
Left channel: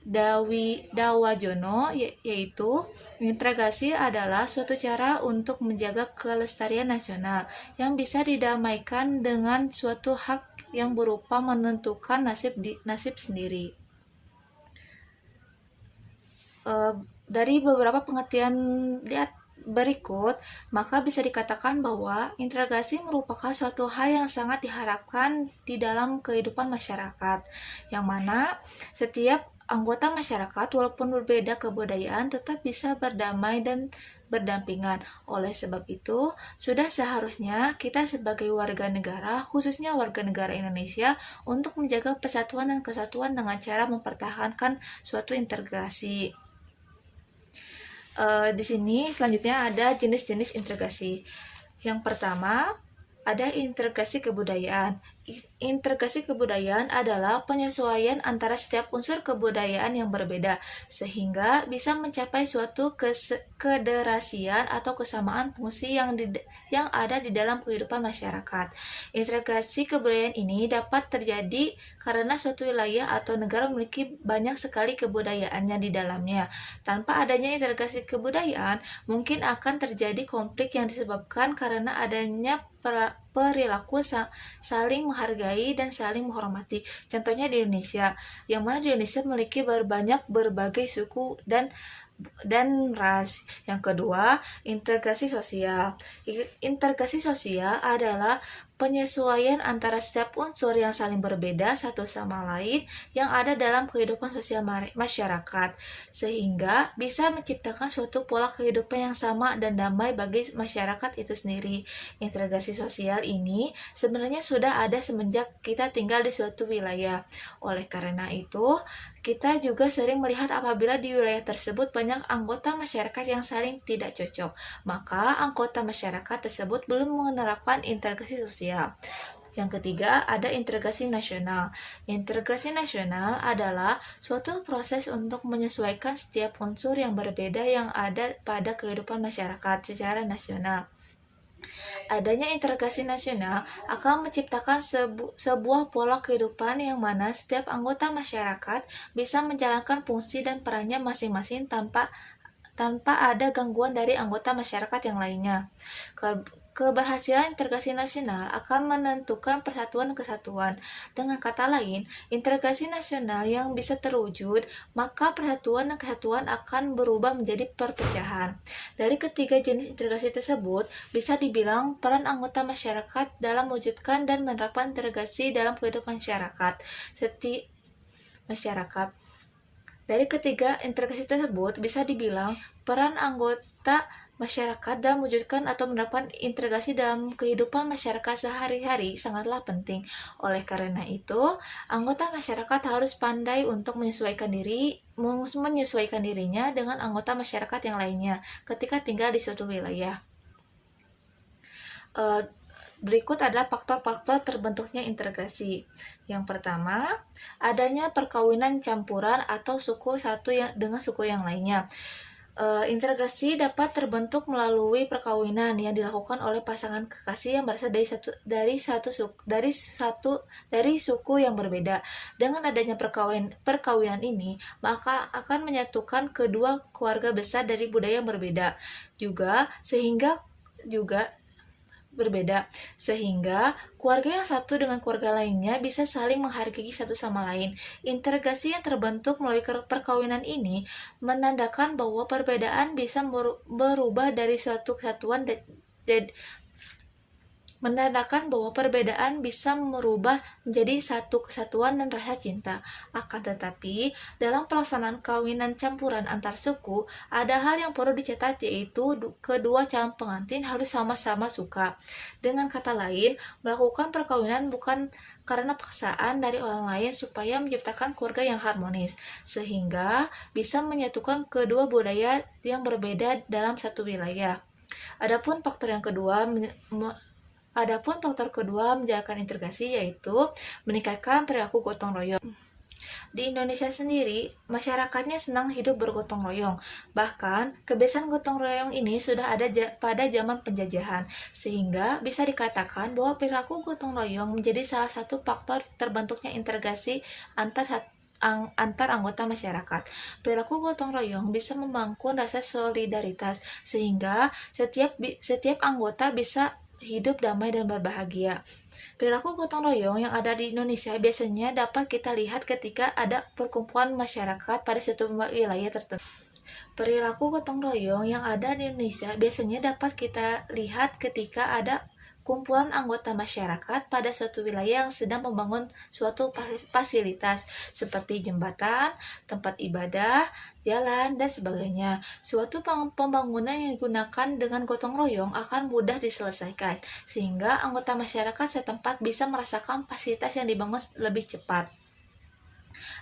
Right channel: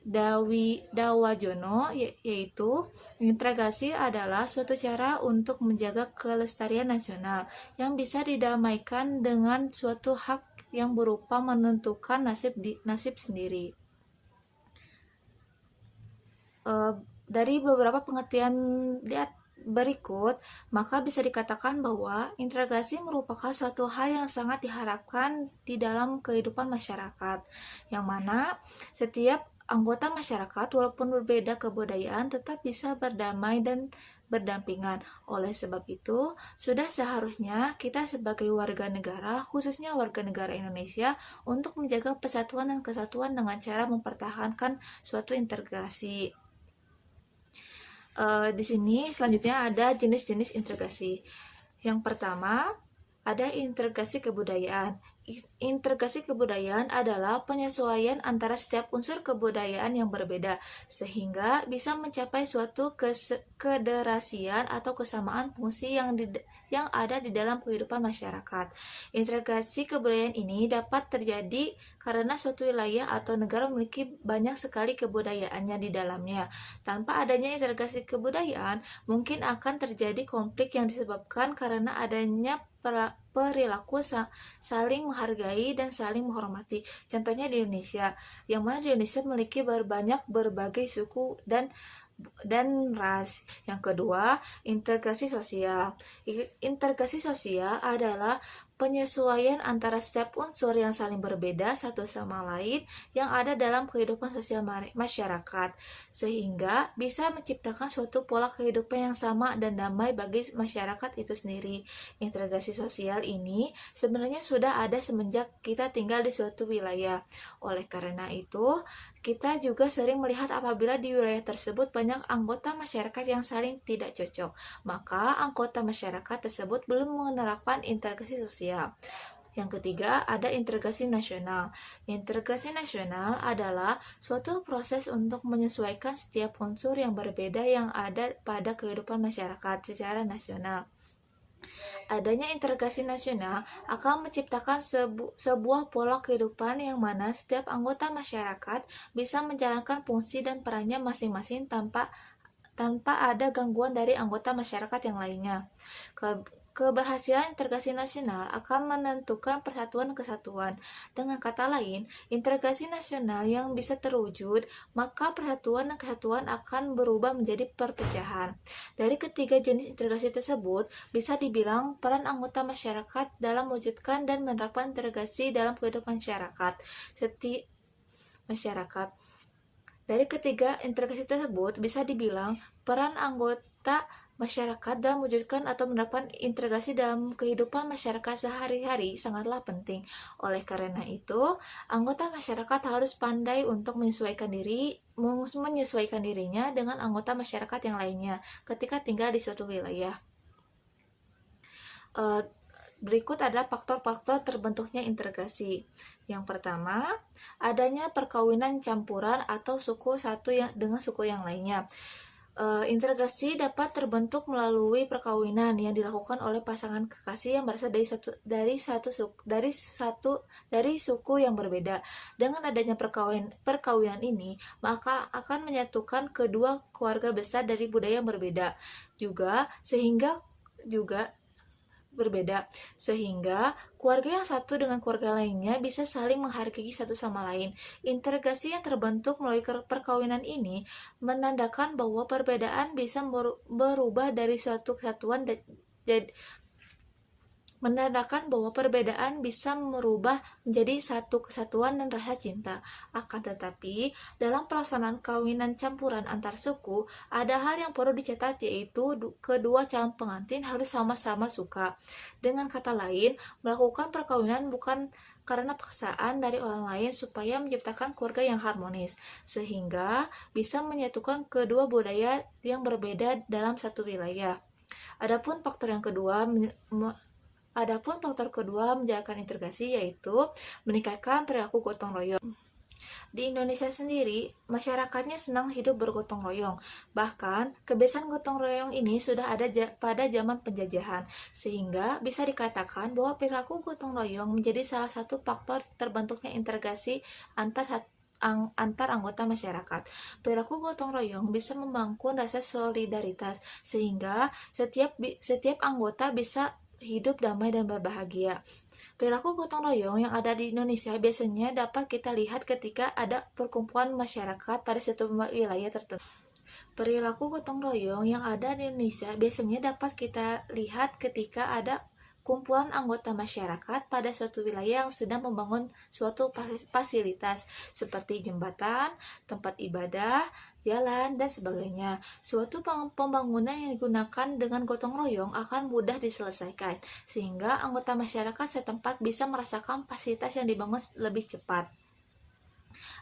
Dawajono, yaitu integrasi adalah suatu cara untuk menjaga kelestarian nasional yang bisa didamaikan dengan suatu hak yang berupa menentukan nasib sendiri. Dari beberapa pengertian berikut, maka bisa dikatakan bahwa integrasi merupakan suatu hal yang sangat diharapkan di dalam kehidupan masyarakat, yang mana setiap anggota masyarakat walaupun berbeda kebudayaan tetap bisa berdamai dan berdampingan. Oleh sebab itu, sudah seharusnya kita sebagai warga negara, khususnya warga negara Indonesia, untuk menjaga persatuan dan kesatuan dengan cara mempertahankan suatu integrasi. Di sini selanjutnya ada jenis-jenis integrasi. Yang pertama, ada integrasi kebudayaan. Integrasi kebudayaan adalah penyesuaian antara setiap unsur kebudayaan yang berbeda, sehingga bisa mencapai suatu kederasian atau kesamaan fungsi yang ada di dalam kehidupan masyarakat. Integrasi kebudayaan ini dapat terjadi karena suatu wilayah atau negara memiliki banyak sekali kebudayaannya di dalamnya. Tanpa adanya integrasi kebudayaan, mungkin akan terjadi konflik yang disebabkan karena adanya perilaku saling menghargai dan saling menghormati. Contohnya di Indonesia, yang mana di Indonesia memiliki berbagai suku dan ras. Yang kedua, integrasi sosial. Integrasi sosial adalah penyesuaian antara setiap unsur yang saling berbeda satu sama lain yang ada dalam kehidupan sosial masyarakat, sehingga bisa menciptakan suatu pola kehidupan yang sama dan damai bagi masyarakat itu sendiri. Integrasi sosial ini sebenarnya sudah ada semenjak kita tinggal di suatu wilayah. Oleh karena itu, kita juga sering melihat apabila di wilayah tersebut banyak anggota masyarakat yang saling tidak cocok, maka anggota masyarakat tersebut belum menerapkan integrasi sosial. Yang ketiga, ada integrasi nasional. Integrasi nasional adalah suatu proses untuk menyesuaikan setiap unsur yang berbeda yang ada pada kehidupan masyarakat secara nasional. Adanya integrasi nasional akan menciptakan sebuah pola kehidupan yang mana setiap anggota masyarakat bisa menjalankan fungsi dan perannya masing-masing tanpa ada gangguan dari anggota masyarakat yang lainnya. Keberhasilan integrasi nasional akan menentukan persatuan dan kesatuan. Dengan kata lain, integrasi nasional yang bisa terwujud, maka persatuan dan kesatuan akan berubah menjadi perpecahan. Dari ketiga jenis integrasi tersebut, bisa dibilang peran anggota masyarakat dalam mewujudkan dan menerapkan integrasi dalam kehidupan masyarakat. Dari ketiga integrasi tersebut, bisa dibilang peran anggota masyarakat dalam mewujudkan atau menerapkan integrasi dalam kehidupan masyarakat sehari-hari sangatlah penting. Oleh karena itu, anggota masyarakat harus pandai untuk menyesuaikan dirinya dengan anggota masyarakat yang lainnya ketika tinggal di suatu wilayah. Berikut adalah faktor-faktor terbentuknya integrasi. Yang pertama, adanya perkawinan campuran atau suku satu dengan suku yang lainnya. Integrasi dapat terbentuk melalui perkawinan yang dilakukan oleh pasangan kekasih yang berasal dari suku yang berbeda. Dengan adanya perkawinan ini, maka akan menyatukan kedua keluarga besar dari budaya yang berbeda, sehingga keluarga yang satu dengan keluarga lainnya bisa saling menghargai satu sama lain. Integrasi yang terbentuk melalui perkawinan ini menandakan bahwa perbedaan bisa berubah dari suatu kesatuan menjadi satu kesatuan dan rasa cinta. Akan tetapi, dalam pelaksanaan kawinan campuran antar suku, ada hal yang perlu dicatat, yaitu kedua calon pengantin harus sama-sama suka. Dengan kata lain, melakukan perkawinan bukan karena paksaan dari orang lain supaya menciptakan keluarga yang harmonis, sehingga bisa menyatukan kedua budaya yang berbeda dalam satu wilayah. Adapun faktor kedua menjalankan integrasi, yaitu meningkatkan perilaku gotong royong. Di Indonesia sendiri, masyarakatnya senang hidup bergotong royong. Bahkan, kebiasaan gotong royong ini sudah ada pada zaman penjajahan, sehingga bisa dikatakan bahwa perilaku gotong royong menjadi salah satu faktor terbentuknya integrasi antar anggota masyarakat. Perilaku gotong royong bisa membangun rasa solidaritas, sehingga setiap anggota bisa hidup damai dan berbahagia. Perilaku gotong royong yang ada di Indonesia biasanya dapat kita lihat ketika ada perkumpulan masyarakat pada suatu wilayah tertentu. Perilaku gotong royong yang ada di Indonesia biasanya dapat kita lihat ketika ada kumpulan anggota masyarakat pada suatu wilayah yang sedang membangun suatu fasilitas seperti jembatan, tempat ibadah, jalan, dan sebagainya. Suatu pembangunan yang digunakan dengan gotong royong akan mudah diselesaikan, sehingga anggota masyarakat setempat bisa merasakan fasilitas yang dibangun lebih cepat.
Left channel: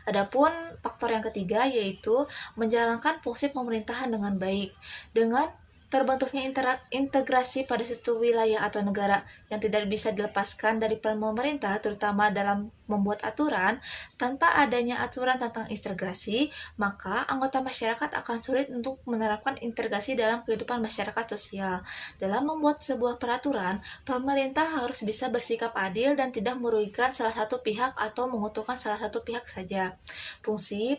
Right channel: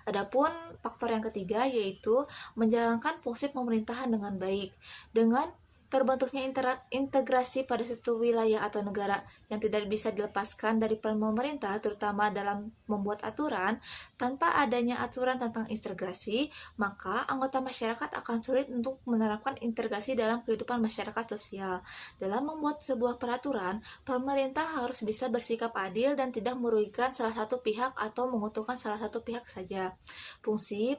Adapun faktor yang ketiga yaitu menjalankan fungsi pemerintahan dengan baik. Dengan terbentuknya integrasi pada suatu wilayah atau negara yang tidak bisa dilepaskan dari peran pemerintah, terutama dalam membuat aturan. Tanpa adanya aturan tentang integrasi, maka anggota masyarakat akan sulit untuk menerapkan integrasi dalam kehidupan masyarakat sosial. Dalam membuat sebuah peraturan, pemerintah harus bisa bersikap adil dan tidak merugikan salah satu pihak atau menguntungkan salah satu pihak saja. Fungsi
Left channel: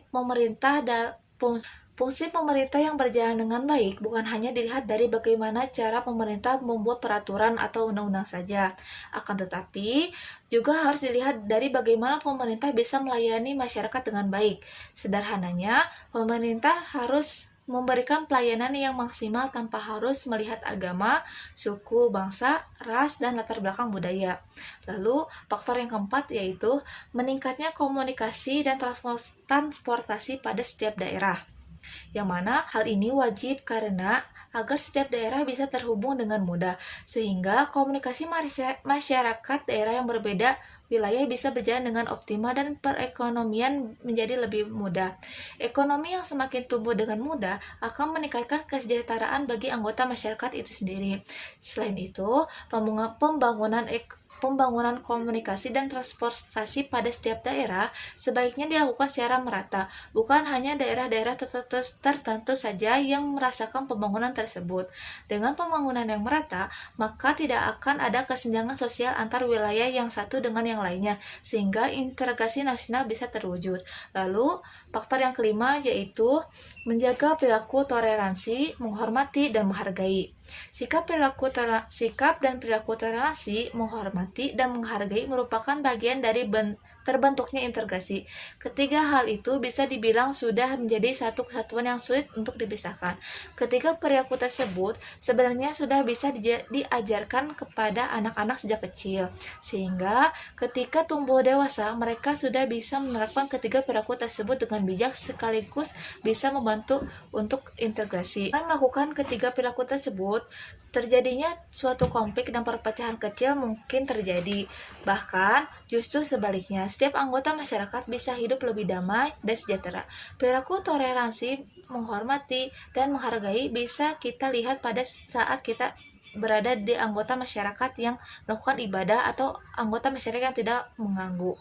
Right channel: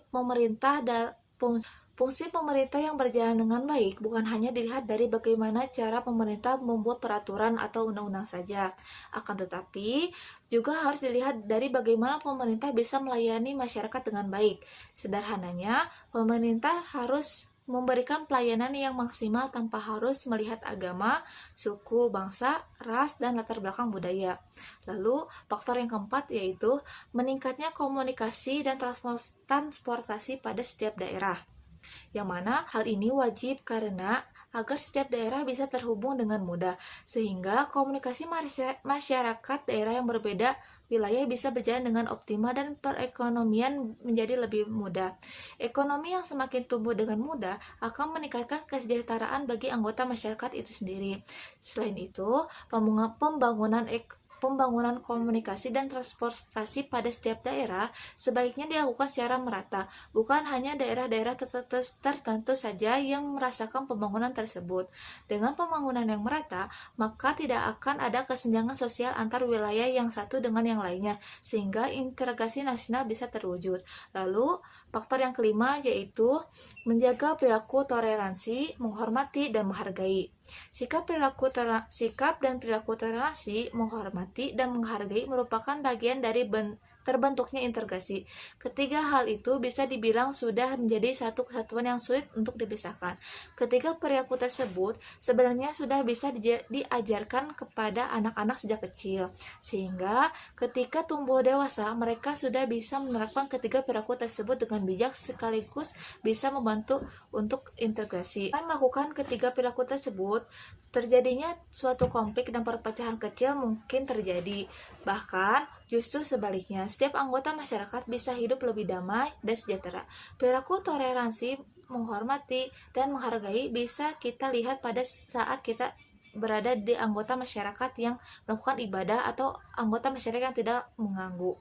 pemerintah yang berjalan dengan baik bukan hanya dilihat dari bagaimana cara pemerintah membuat peraturan atau undang-undang saja, akan tetapi juga harus dilihat dari bagaimana pemerintah bisa melayani masyarakat dengan baik. Sederhananya, pemerintah harus memberikan pelayanan yang maksimal tanpa harus melihat agama, suku, bangsa, ras, dan latar belakang budaya. Lalu, faktor yang keempat yaitu meningkatnya komunikasi dan transportasi pada setiap daerah, yang mana hal ini wajib karena agar setiap daerah bisa terhubung dengan mudah, sehingga komunikasi masyarakat daerah yang berbeda wilayah bisa berjalan dengan optimal dan perekonomian menjadi lebih mudah. Ekonomi yang semakin tumbuh dengan mudah akan meningkatkan kesejahteraan bagi anggota masyarakat itu sendiri. Selain itu, pembangunan komunikasi dan transportasi pada setiap daerah sebaiknya dilakukan secara merata, bukan hanya daerah-daerah tertentu saja yang merasakan pembangunan tersebut. Dengan pembangunan yang merata, maka tidak akan ada kesenjangan sosial antar wilayah yang satu dengan yang lainnya, sehingga integrasi nasional bisa terwujud. Lalu, faktor yang kelima yaitu menjaga perilaku toleransi, menghormati, dan menghargai. Sikap dan perilaku toleransi, menghormati, dan menghargai merupakan bagian dari terbentuknya integrasi. Ketiga hal itu bisa dibilang sudah menjadi satu kesatuan yang sulit untuk dipisahkan. Ketiga perilaku tersebut sebenarnya sudah bisa diajarkan kepada anak-anak sejak kecil, sehingga ketika tumbuh dewasa mereka sudah bisa menerapkan ketiga perilaku tersebut dengan bijak sekaligus bisa membantu untuk integrasi. Dengan melakukan ketiga perilaku tersebut, terjadinya suatu konflik dan perpecahan kecil mungkin terjadi. Bahkan, justru sebaliknya, setiap anggota masyarakat bisa hidup lebih damai dan sejahtera. Perilaku toleransi, menghormati, dan menghargai bisa kita lihat pada saat kita berada di anggota masyarakat yang melakukan ibadah atau anggota masyarakat yang tidak mengganggu.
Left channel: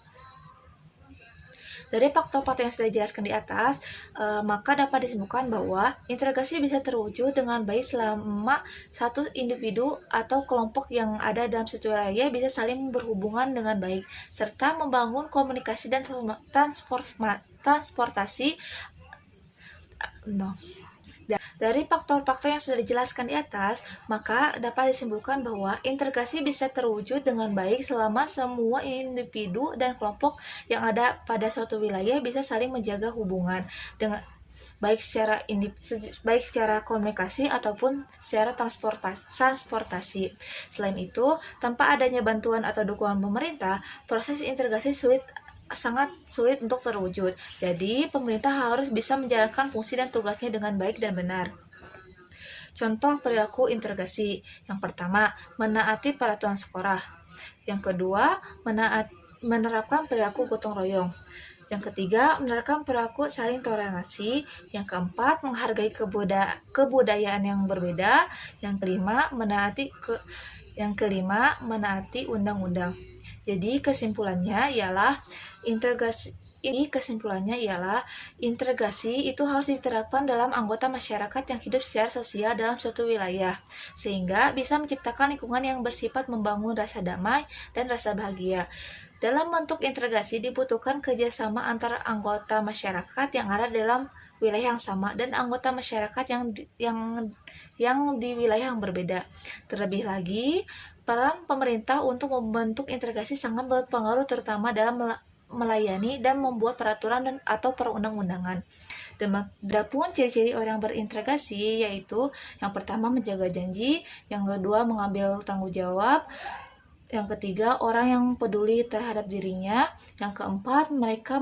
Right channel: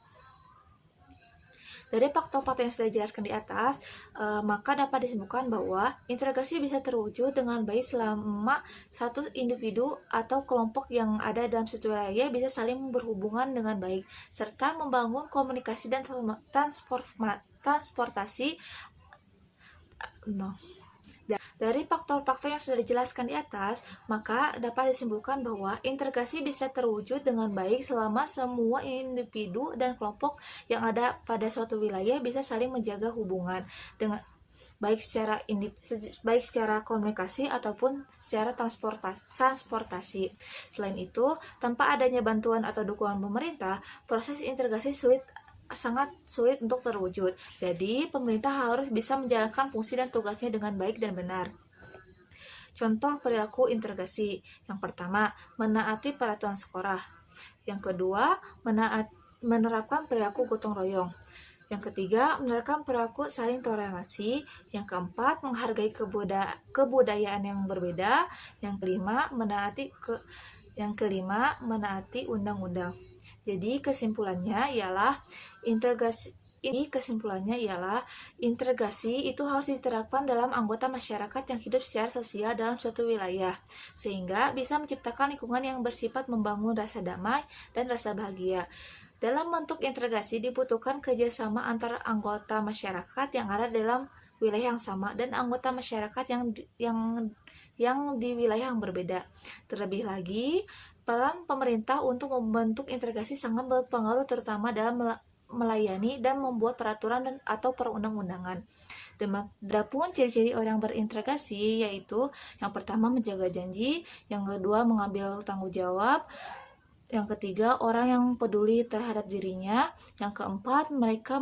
Dari faktor-faktor yang sudah dijelaskan di atas, maka dapat disimpulkan bahwa integrasi bisa terwujud dengan baik selama satu individu atau kelompok yang ada dalam suatu wilayah bisa saling berhubungan dengan baik, serta membangun komunikasi dan transportasi. Dari faktor-faktor yang sudah dijelaskan di atas, maka dapat disimpulkan bahwa integrasi bisa terwujud dengan baik selama semua individu dan kelompok yang ada pada suatu wilayah bisa saling menjaga hubungan dengan baik secara komunikasi ataupun secara transportasi. Selain itu, tanpa adanya bantuan atau dukungan pemerintah, proses integrasi sangat sulit untuk terwujud. Jadi, pemerintah harus bisa menjalankan fungsi dan tugasnya dengan baik dan benar. Contoh perilaku integrasi. Yang pertama, menaati peraturan sekolah. Yang kedua, menerapkan perilaku gotong royong. Yang ketiga, menerapkan perilaku saling toleransi. Yang keempat, menghargai kebudayaan yang berbeda. Yang kelima, menaati undang-undang. Jadi kesimpulannya ialah integrasi itu harus diterapkan dalam anggota masyarakat yang hidup secara sosial dalam suatu wilayah, sehingga bisa menciptakan lingkungan yang bersifat membangun rasa damai dan rasa bahagia. Dalam bentuk integrasi dibutuhkan kerjasama antara anggota masyarakat yang ada dalam wilayah yang sama dan anggota masyarakat yang di wilayah yang berbeda. Terlebih lagi, Peran pemerintah untuk membentuk integrasi sangat berpengaruh terutama dalam melayani dan membuat peraturan atau perundang-undangan. Adapun ciri-ciri orang berintegrasi yaitu yang pertama menjaga janji, yang kedua mengambil tanggung jawab, yang ketiga orang yang peduli terhadap dirinya, yang keempat mereka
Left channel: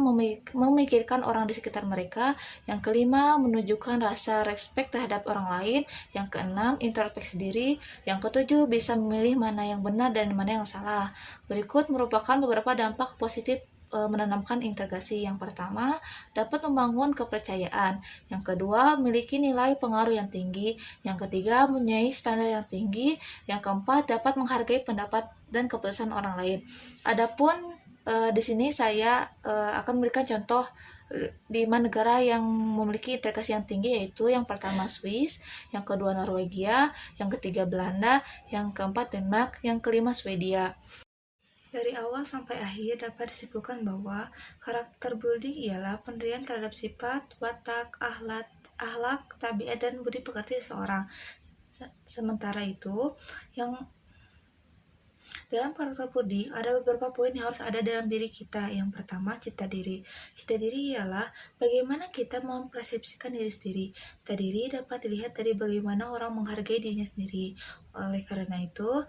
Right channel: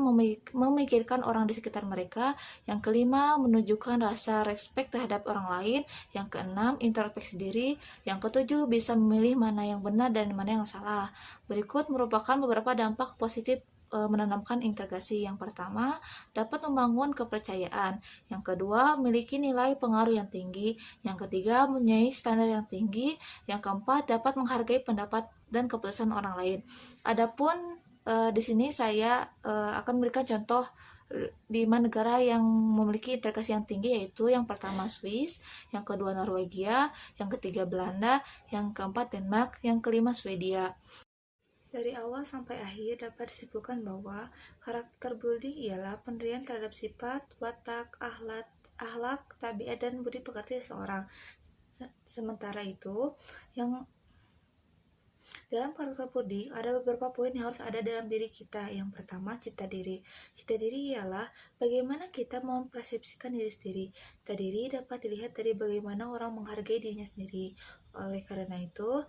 memikirkan orang di sekitar mereka, yang kelima menunjukkan rasa respect terhadap orang lain, yang keenam introspeksi diri, yang ketujuh bisa memilih mana yang benar dan mana yang salah. Berikut merupakan beberapa dampak positif menanamkan integrasi. Yang pertama, dapat membangun kepercayaan. Yang kedua, memiliki nilai pengaruh yang tinggi. Yang ketiga, mempunyai standar yang tinggi. Yang keempat, dapat menghargai pendapat dan keputusan orang lain. Adapun di sini saya akan memberikan contoh 5 negara yang memiliki integrasi yang tinggi, yaitu yang pertama Swiss, yang kedua Norwegia, yang ketiga Belanda, yang keempat Denmark, yang kelima Swedia. Dari awal sampai akhir dapat disimpulkan bahwa karakter building ialah pendirian terhadap sifat, watak, akhlak, tabiat, dan budi pekerti seseorang. Sementara itu, yang dalam karakter building ada beberapa poin yang harus ada dalam diri kita. Yang pertama, cita diri. Cita diri ialah bagaimana kita mempersepsikan diri sendiri. Cita diri dapat dilihat dari bagaimana orang menghargai dirinya sendiri. Oleh karena itu,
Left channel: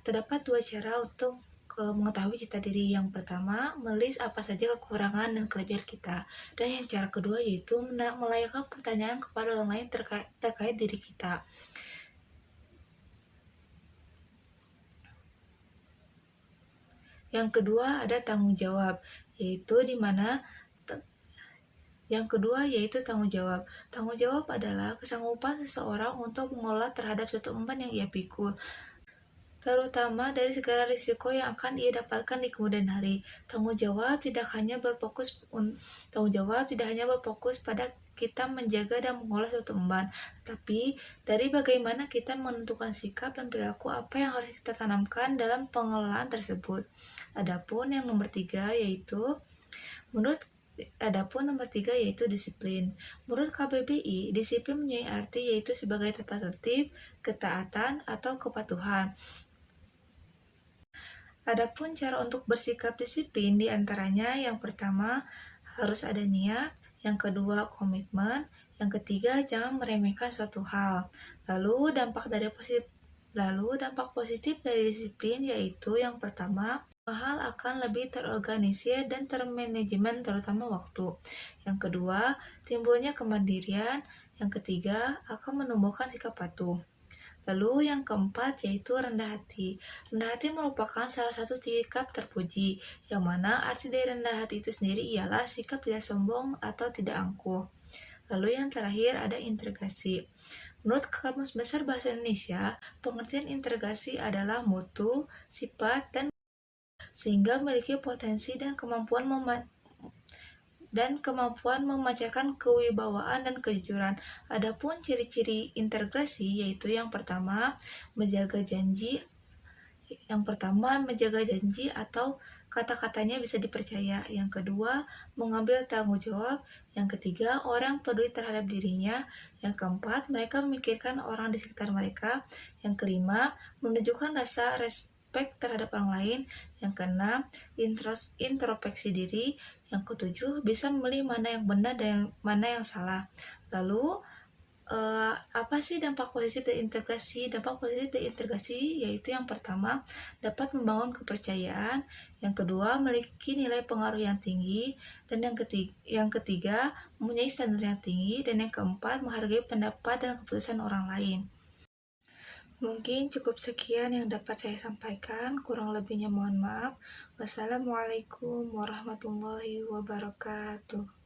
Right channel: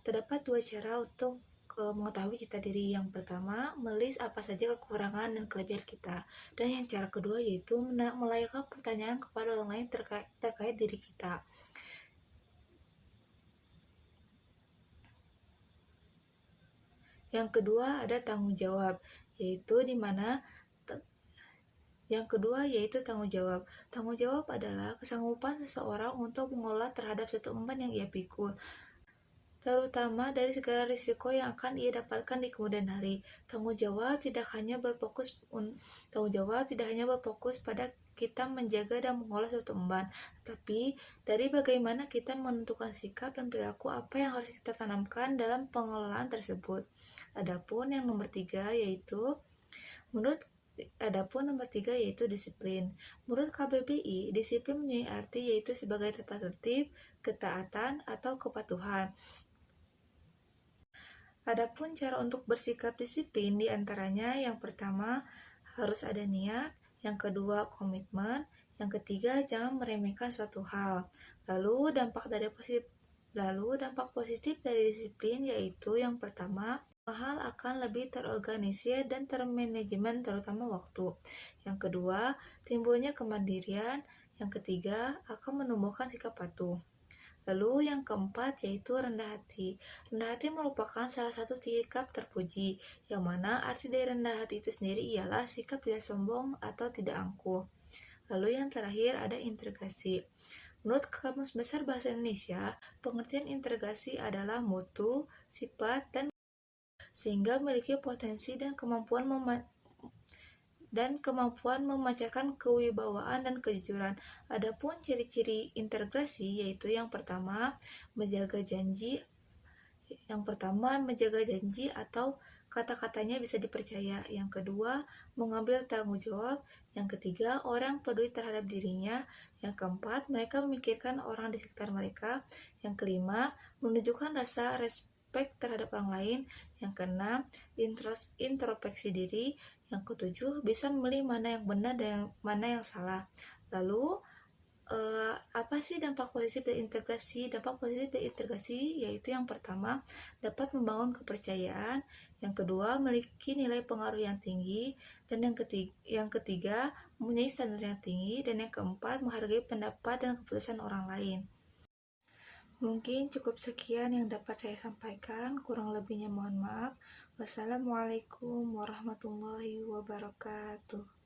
terdapat 2 cara untuk mengetahui cita diri. Yang pertama, menulis apa saja kekurangan dan kelebihan kita. Dan yang cara kedua yaitu melayangkan pertanyaan kepada orang lain terkait diri kita. Yang kedua ada tanggung jawab, yaitu tanggung jawab. Tanggung jawab adalah kesanggupan seseorang untuk mengolah terhadap suatu beban yang ia pikul, terutama dari segala risiko yang akan ia dapatkan di kemudian hari. Tanggung jawab tidak hanya berfokus pada kita menjaga dan mengolah suatu beban, tapi dari bagaimana kita menentukan sikap dan perilaku apa yang harus kita tanamkan dalam pengelolaan tersebut. Adapun nomor 3 yaitu disiplin. Menurut KBBI, disiplin mempunyai arti yaitu sebagai tata tertib, ketaatan, atau kepatuhan. Adapun cara untuk bersikap disiplin diantaranya yang pertama harus ada niat, yang kedua komitmen, yang ketiga jangan meremehkan suatu hal. Lalu dampak positif dari disiplin yaitu yang pertama, hal akan lebih terorganisir dan termanajemen terutama waktu. Yang kedua, timbulnya kemandirian. Yang ketiga, akan menumbuhkan sikap patuh. Lalu yang keempat yaitu rendah hati. Rendah hati merupakan salah satu sikap terpuji, yang mana arti dari rendah hati itu sendiri ialah sikap tidak sombong atau tidak angkuh. Lalu yang terakhir ada integrasi. Menurut Kamus Besar Bahasa Indonesia, pengertian integrasi adalah mutu, sifat, dan sehingga memiliki potensi dan kemampuan memancarkan kewibawaan dan kejujuran. Adapun ciri-ciri integrasi yaitu yang pertama, menjaga janji atau kata-katanya bisa dipercaya. Yang kedua, mengambil tanggung jawab. Yang ketiga, orang peduli terhadap dirinya. Yang keempat, mereka memikirkan orang di sekitar mereka. Yang kelima, menunjukkan rasa respect terhadap orang lain. Yang keenam, introspeksi diri. Yang ketujuh, bisa memilih mana yang benar dan mana yang salah. Lalu apa sih dampak positif dari integrasi? Dampak positif dari integrasi yaitu yang pertama, dapat membangun kepercayaan. Yang kedua, memiliki nilai pengaruh yang tinggi. Dan yang ketiga, mempunyai standar yang tinggi. Dan yang keempat, menghargai pendapat dan keputusan orang lain. Mungkin cukup sekian yang dapat saya sampaikan, kurang lebihnya mohon maaf. Wassalamualaikum warahmatullahi wabarakatuh.